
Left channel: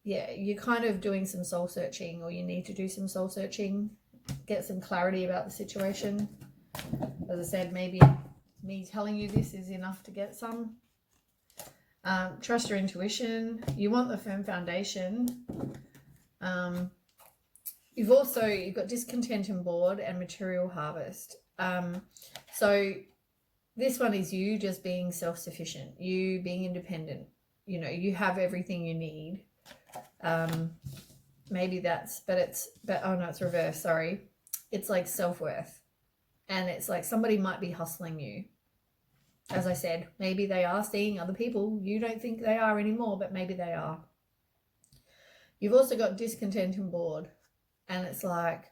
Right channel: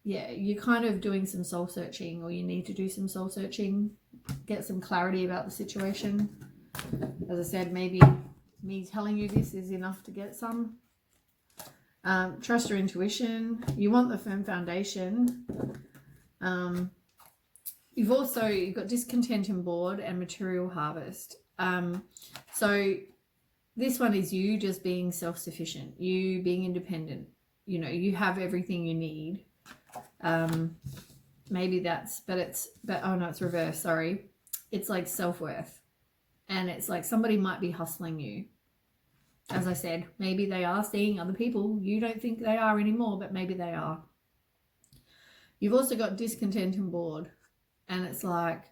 Yeah, you're kind of doing some soul searching, or you need to do some soul searching. Get some clarity about the situation. As I said, maybe me telling you this is enough to get some. Trust your intuition. You want the firm foundation. You've got discontent and bored and material harvest. So this one is you just being self-sufficient, you being independent. You know, you have everything you need. Maybe that's, oh no, it's reverse, sorry. It's like self-worth. And it's like somebody might be hustling you. As I said, maybe they are seeing other people. You don't think they are anymore, but maybe they are. You've also got discontent and bored. And it's like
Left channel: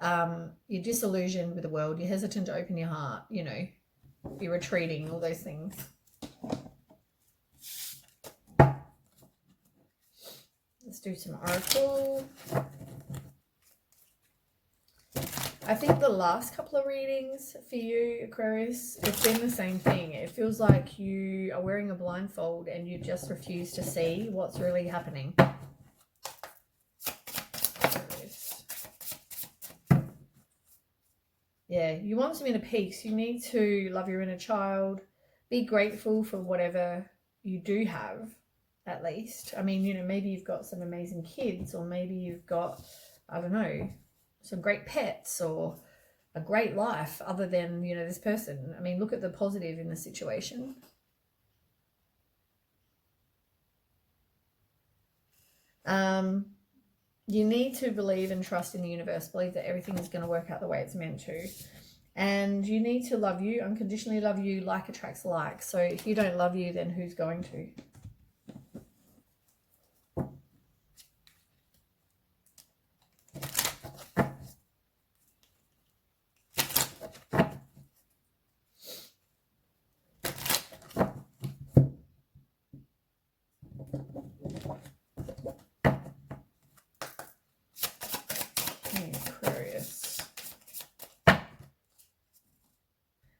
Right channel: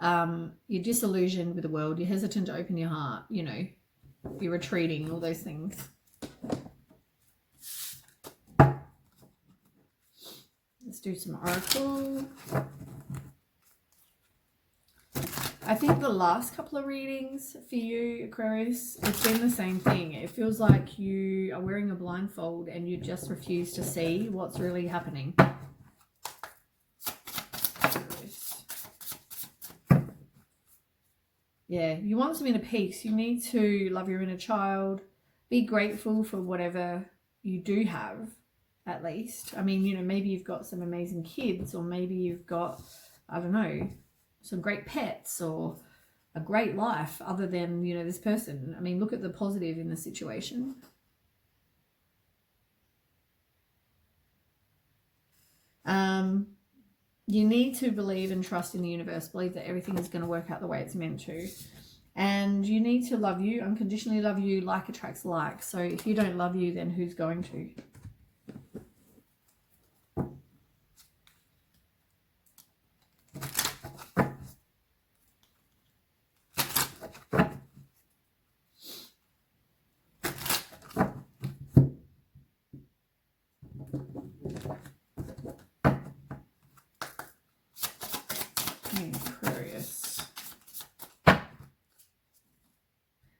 you're disillusioned with the world. You're hesitant to open your heart. You know, you're retreating, all those things. Let's do some oracle. I think the last couple of readings for you, Aquarius, it's been the same thing. It feels like you are wearing a blindfold and you just refuse to see what's really happening. Yeah, you want some inner peace. You need to love your inner child. Be grateful for whatever you do have, at least. I mean, you know, maybe you've got some amazing kids, or maybe you've got, I don't know, some great pets or a great life other than, you know, this person. I mean, look at the positive in the situation. You need to believe and trust in the universe. Believe that everything is going to work out the way it's meant to. And you need to love you, unconditionally love you. Like attracts like. So if you don't love you, then who's going to?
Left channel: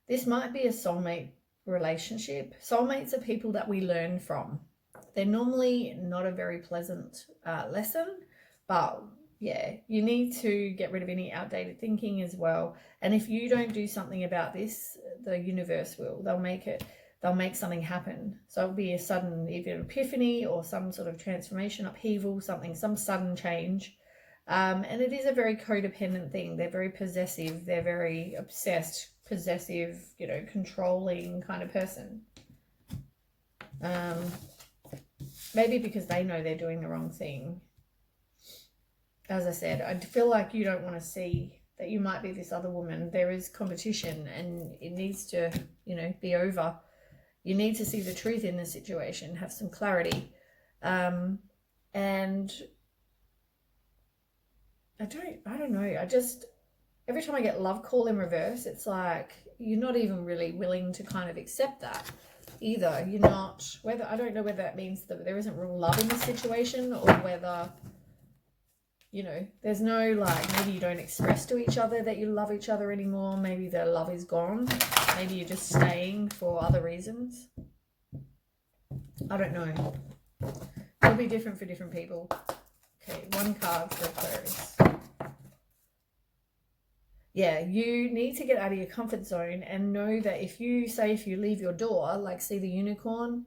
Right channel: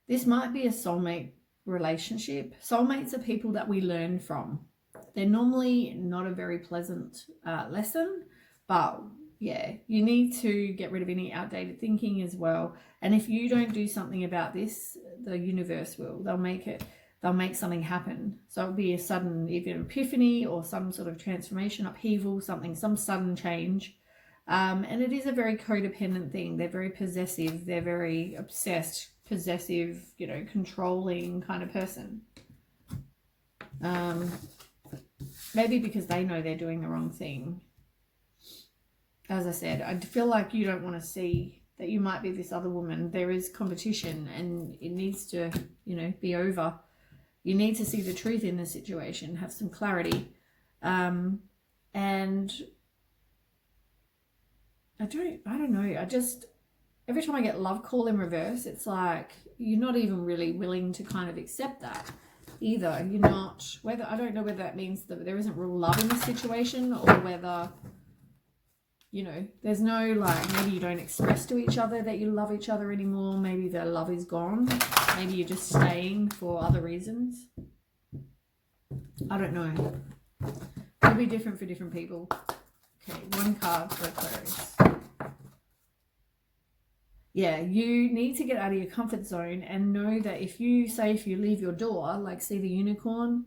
This might be a soulmate relationship. Soulmates are people that we learn from. They're normally not a very pleasant lesson, but yeah, you need to get rid of any outdated thinking as well. And if you don't do something about this, the universe will. They'll make something happen. So it'll be a sudden either epiphany or some sort of transformation, upheaval, some sudden change. And it is a very codependent thing. They're very possessive. They're very obsessed, possessive, you know, controlling kind of person. Maybe because they know they're doing the wrong thing. As I said, I feel like you don't want to see that you might be this other woman. There is competition and it needs to, you know, be over. You need to see the truth in the situation, have some clarity. And I don't know. Every time I get love call in reverse, it's like you're not even really willing to kind of accept that either. You're not, I don't know whether that means that there isn't real love in the situation, or whether, you know, there's no, like, maybe you don't express to each other that you love each other anymore. Maybe the love is gone. Maybe you're just staying for other reasons. I don't know. It'll be different for different people. Okay, one card for Aquarius. Yeah, you need to get out of your comfort zone and know that if you leave your door, like see the unicorn,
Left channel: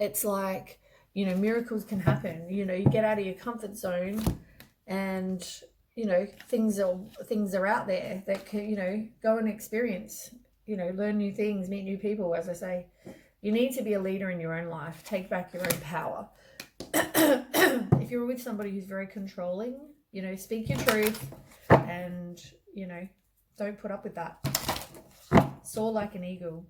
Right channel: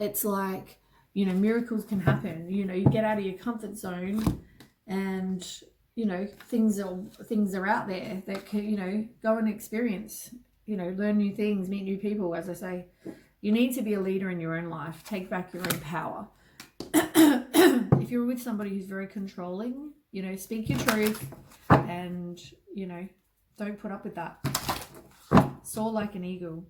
it's like, you know, miracles can happen. You know, you get out of your comfort zone and, you know, things are out there that can, you know, go and experience, you know, learn new things, meet new people. As I say, you need to be a leader in your own life. Take back your own power. If you're with somebody who's very controlling, you know, speak your truth and, you know, don't put up with that. Soar like an eagle.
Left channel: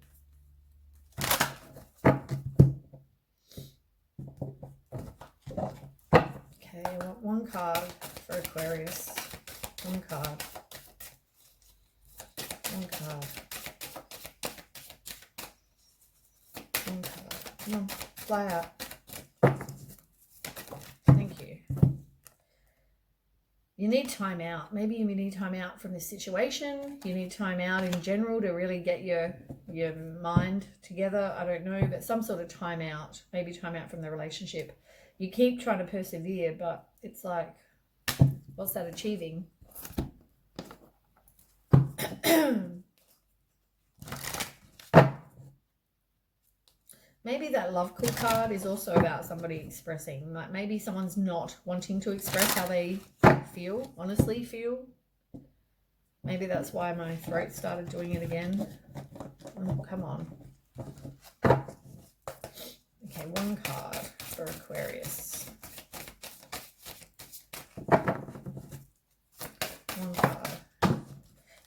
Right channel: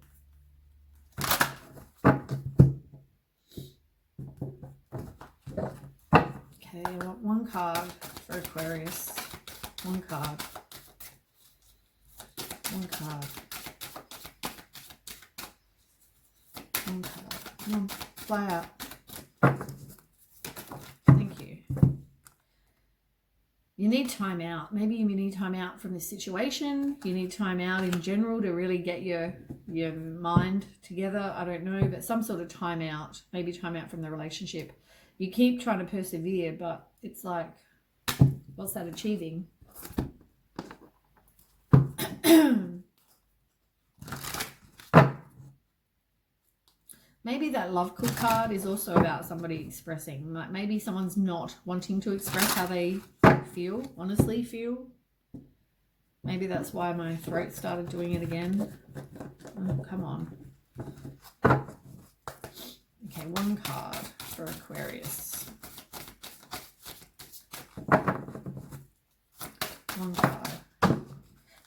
one card for Aquarius. One card. One card. One card. Come on, fly out. Thank you. You need time out. Maybe you need time out from the situation. You need time out in general to really get your mind together. I don't know, but some sort of time out. Maybe time out from the relationship. You keep trying to persevere, but it's like, what's that achieving? Maybe that love clue card is also about somebody expressing. Maybe someone's not wanting to express how they feel, honestly feel. Maybe that's why my throat started doing it again. Oh, come on. Okay, one card for Aquarius. One card.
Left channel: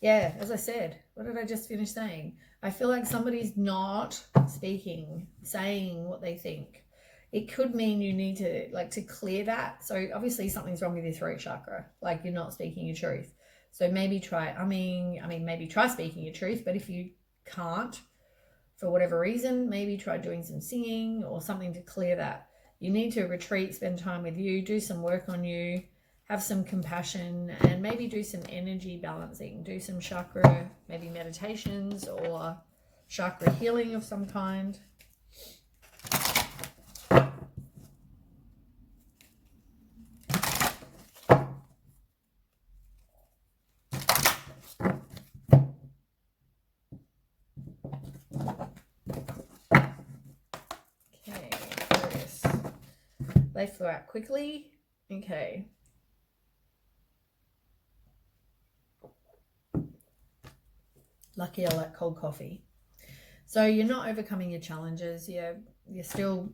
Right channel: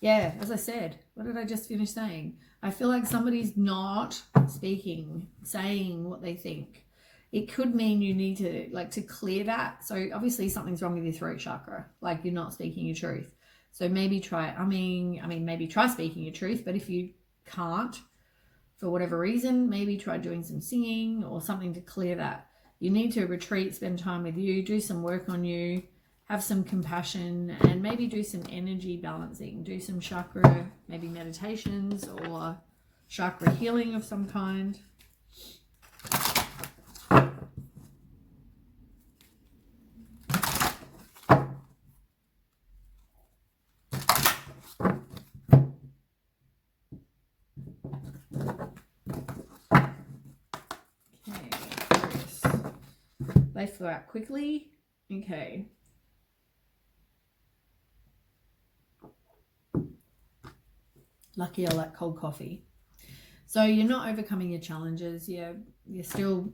Yeah, as I said, what did I just finish saying? I feel like somebody's not speaking, saying what they think. It could mean you need to clear that. So obviously something's wrong with your throat chakra. Like you're not speaking your truth. So maybe try, maybe try speaking your truth. But if you can't, for whatever reason, maybe try doing some singing or something to clear that. You need to retreat, spend time with you, do some work on you, have some compassion, and maybe do some energy balancing. Do some chakra, maybe meditations or chakra healing of some kind. They flew out quickly. Okay. Lucky I like cold coffee. So you're not overcoming your challenges. You're still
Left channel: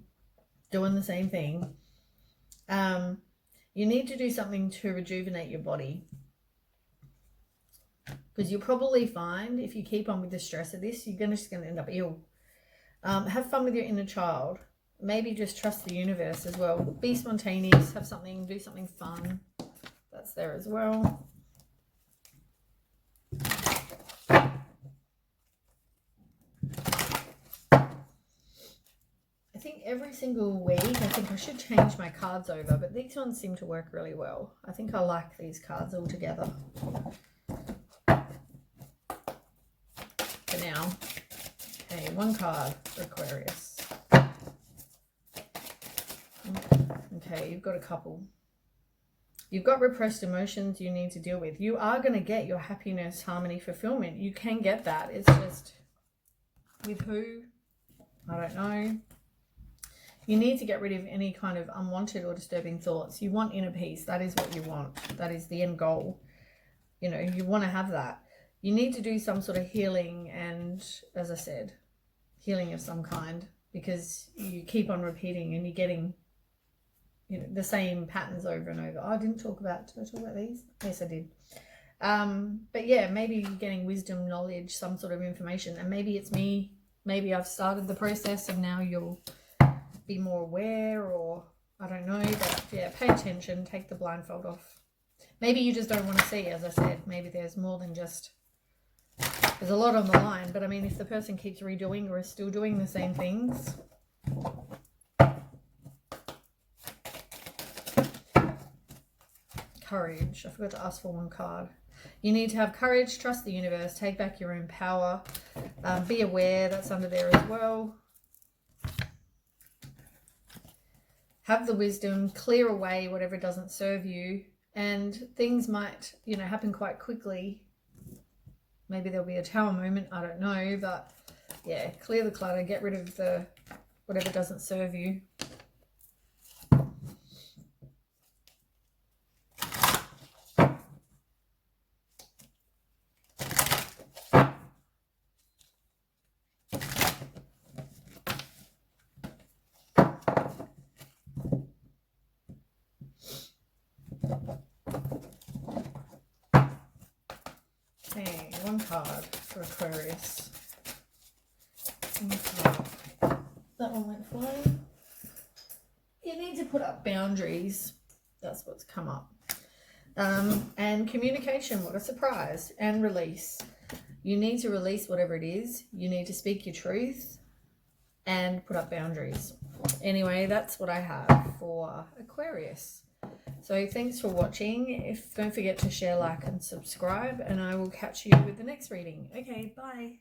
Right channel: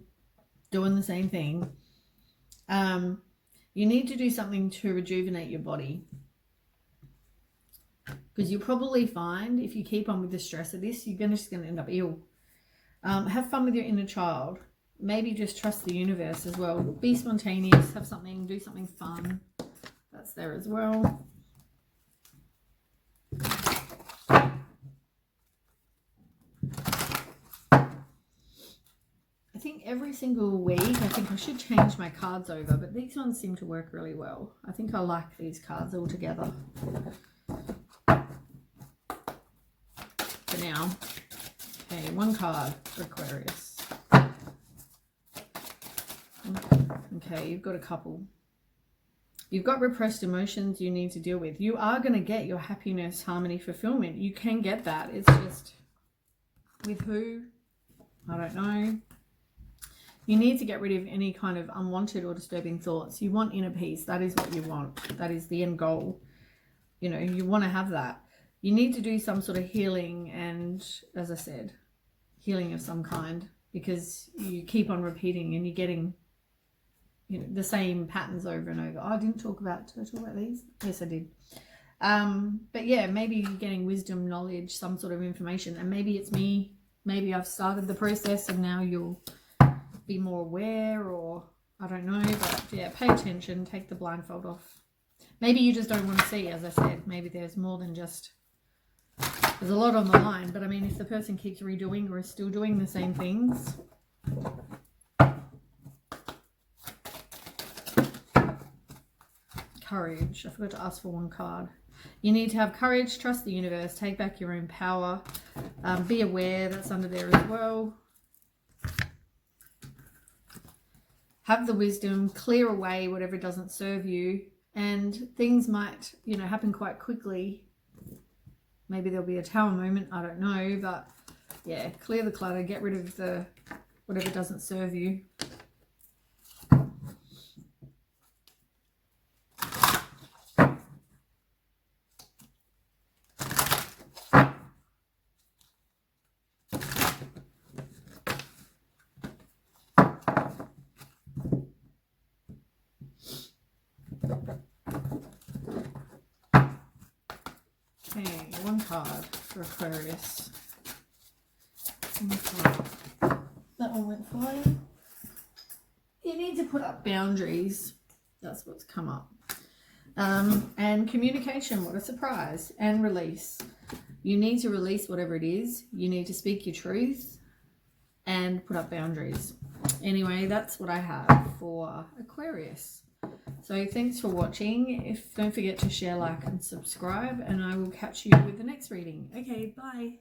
doing the same thing. You need to do something to rejuvenate your body. Because you'll probably find if you keep on with the stress of this, you're just going to end up ill. Have fun with your inner child. Maybe just trust the universe as well. Be spontaneous, have something, do something fun. That's there as well. I think every single week, I think I should change my cards over, but these ones seem to work really well. I think I like these cards all together. For now. Okay, one card for Aquarius. Okay, you've got a couple. You've got repressed emotions you need to deal with. You are going to get your happiness, harmony, fulfillment. You can get that. It's just with who? I don't know. You need to get rid of any kind of unwanted or disturbing thoughts. You want inner peace. That is what you want. That is the end goal. You know, you want to have that. You need to do some sort of healing and, as I said, healing of some kind, because you keep on repeating and you're getting the same patterns over and over. Oh, I did I talk about these? Yes, I did. But yeah, maybe you're getting wisdom, knowledge, some sort of information, and maybe it's me. Maybe I've started the process and now you'll be more aware, or I don't know. But yeah, pay attention, take the blindfold off. Maybe you just don't want to see, as I said. Maybe there's more than just, there's a lot on the line. But I mean, if the person keeps redoing or is still doing the same things, courage. I forgot to ask for one card. You need to have courage, trust the universe, take back your own power, be aware. That's under there as well. Have the wisdom, clear away whatever doesn't serve you, and things might, happen quite quickly. Maybe there'll be a tower moment, I don't know, but yeah, clear the clutter, get rid of the whatever doesn't serve you. Okay, one card for Aquarius. That one went for you. You need to put up boundaries. That's what's come up. And communication, what a surprise. And release. You need to release whatever it is. You need to speak your truth and put up boundaries. Anyway, that's what I have for Aquarius. So thanks for watching. Don't forget to share, like, and subscribe, and I will catch you with the next reading. Okay, bye.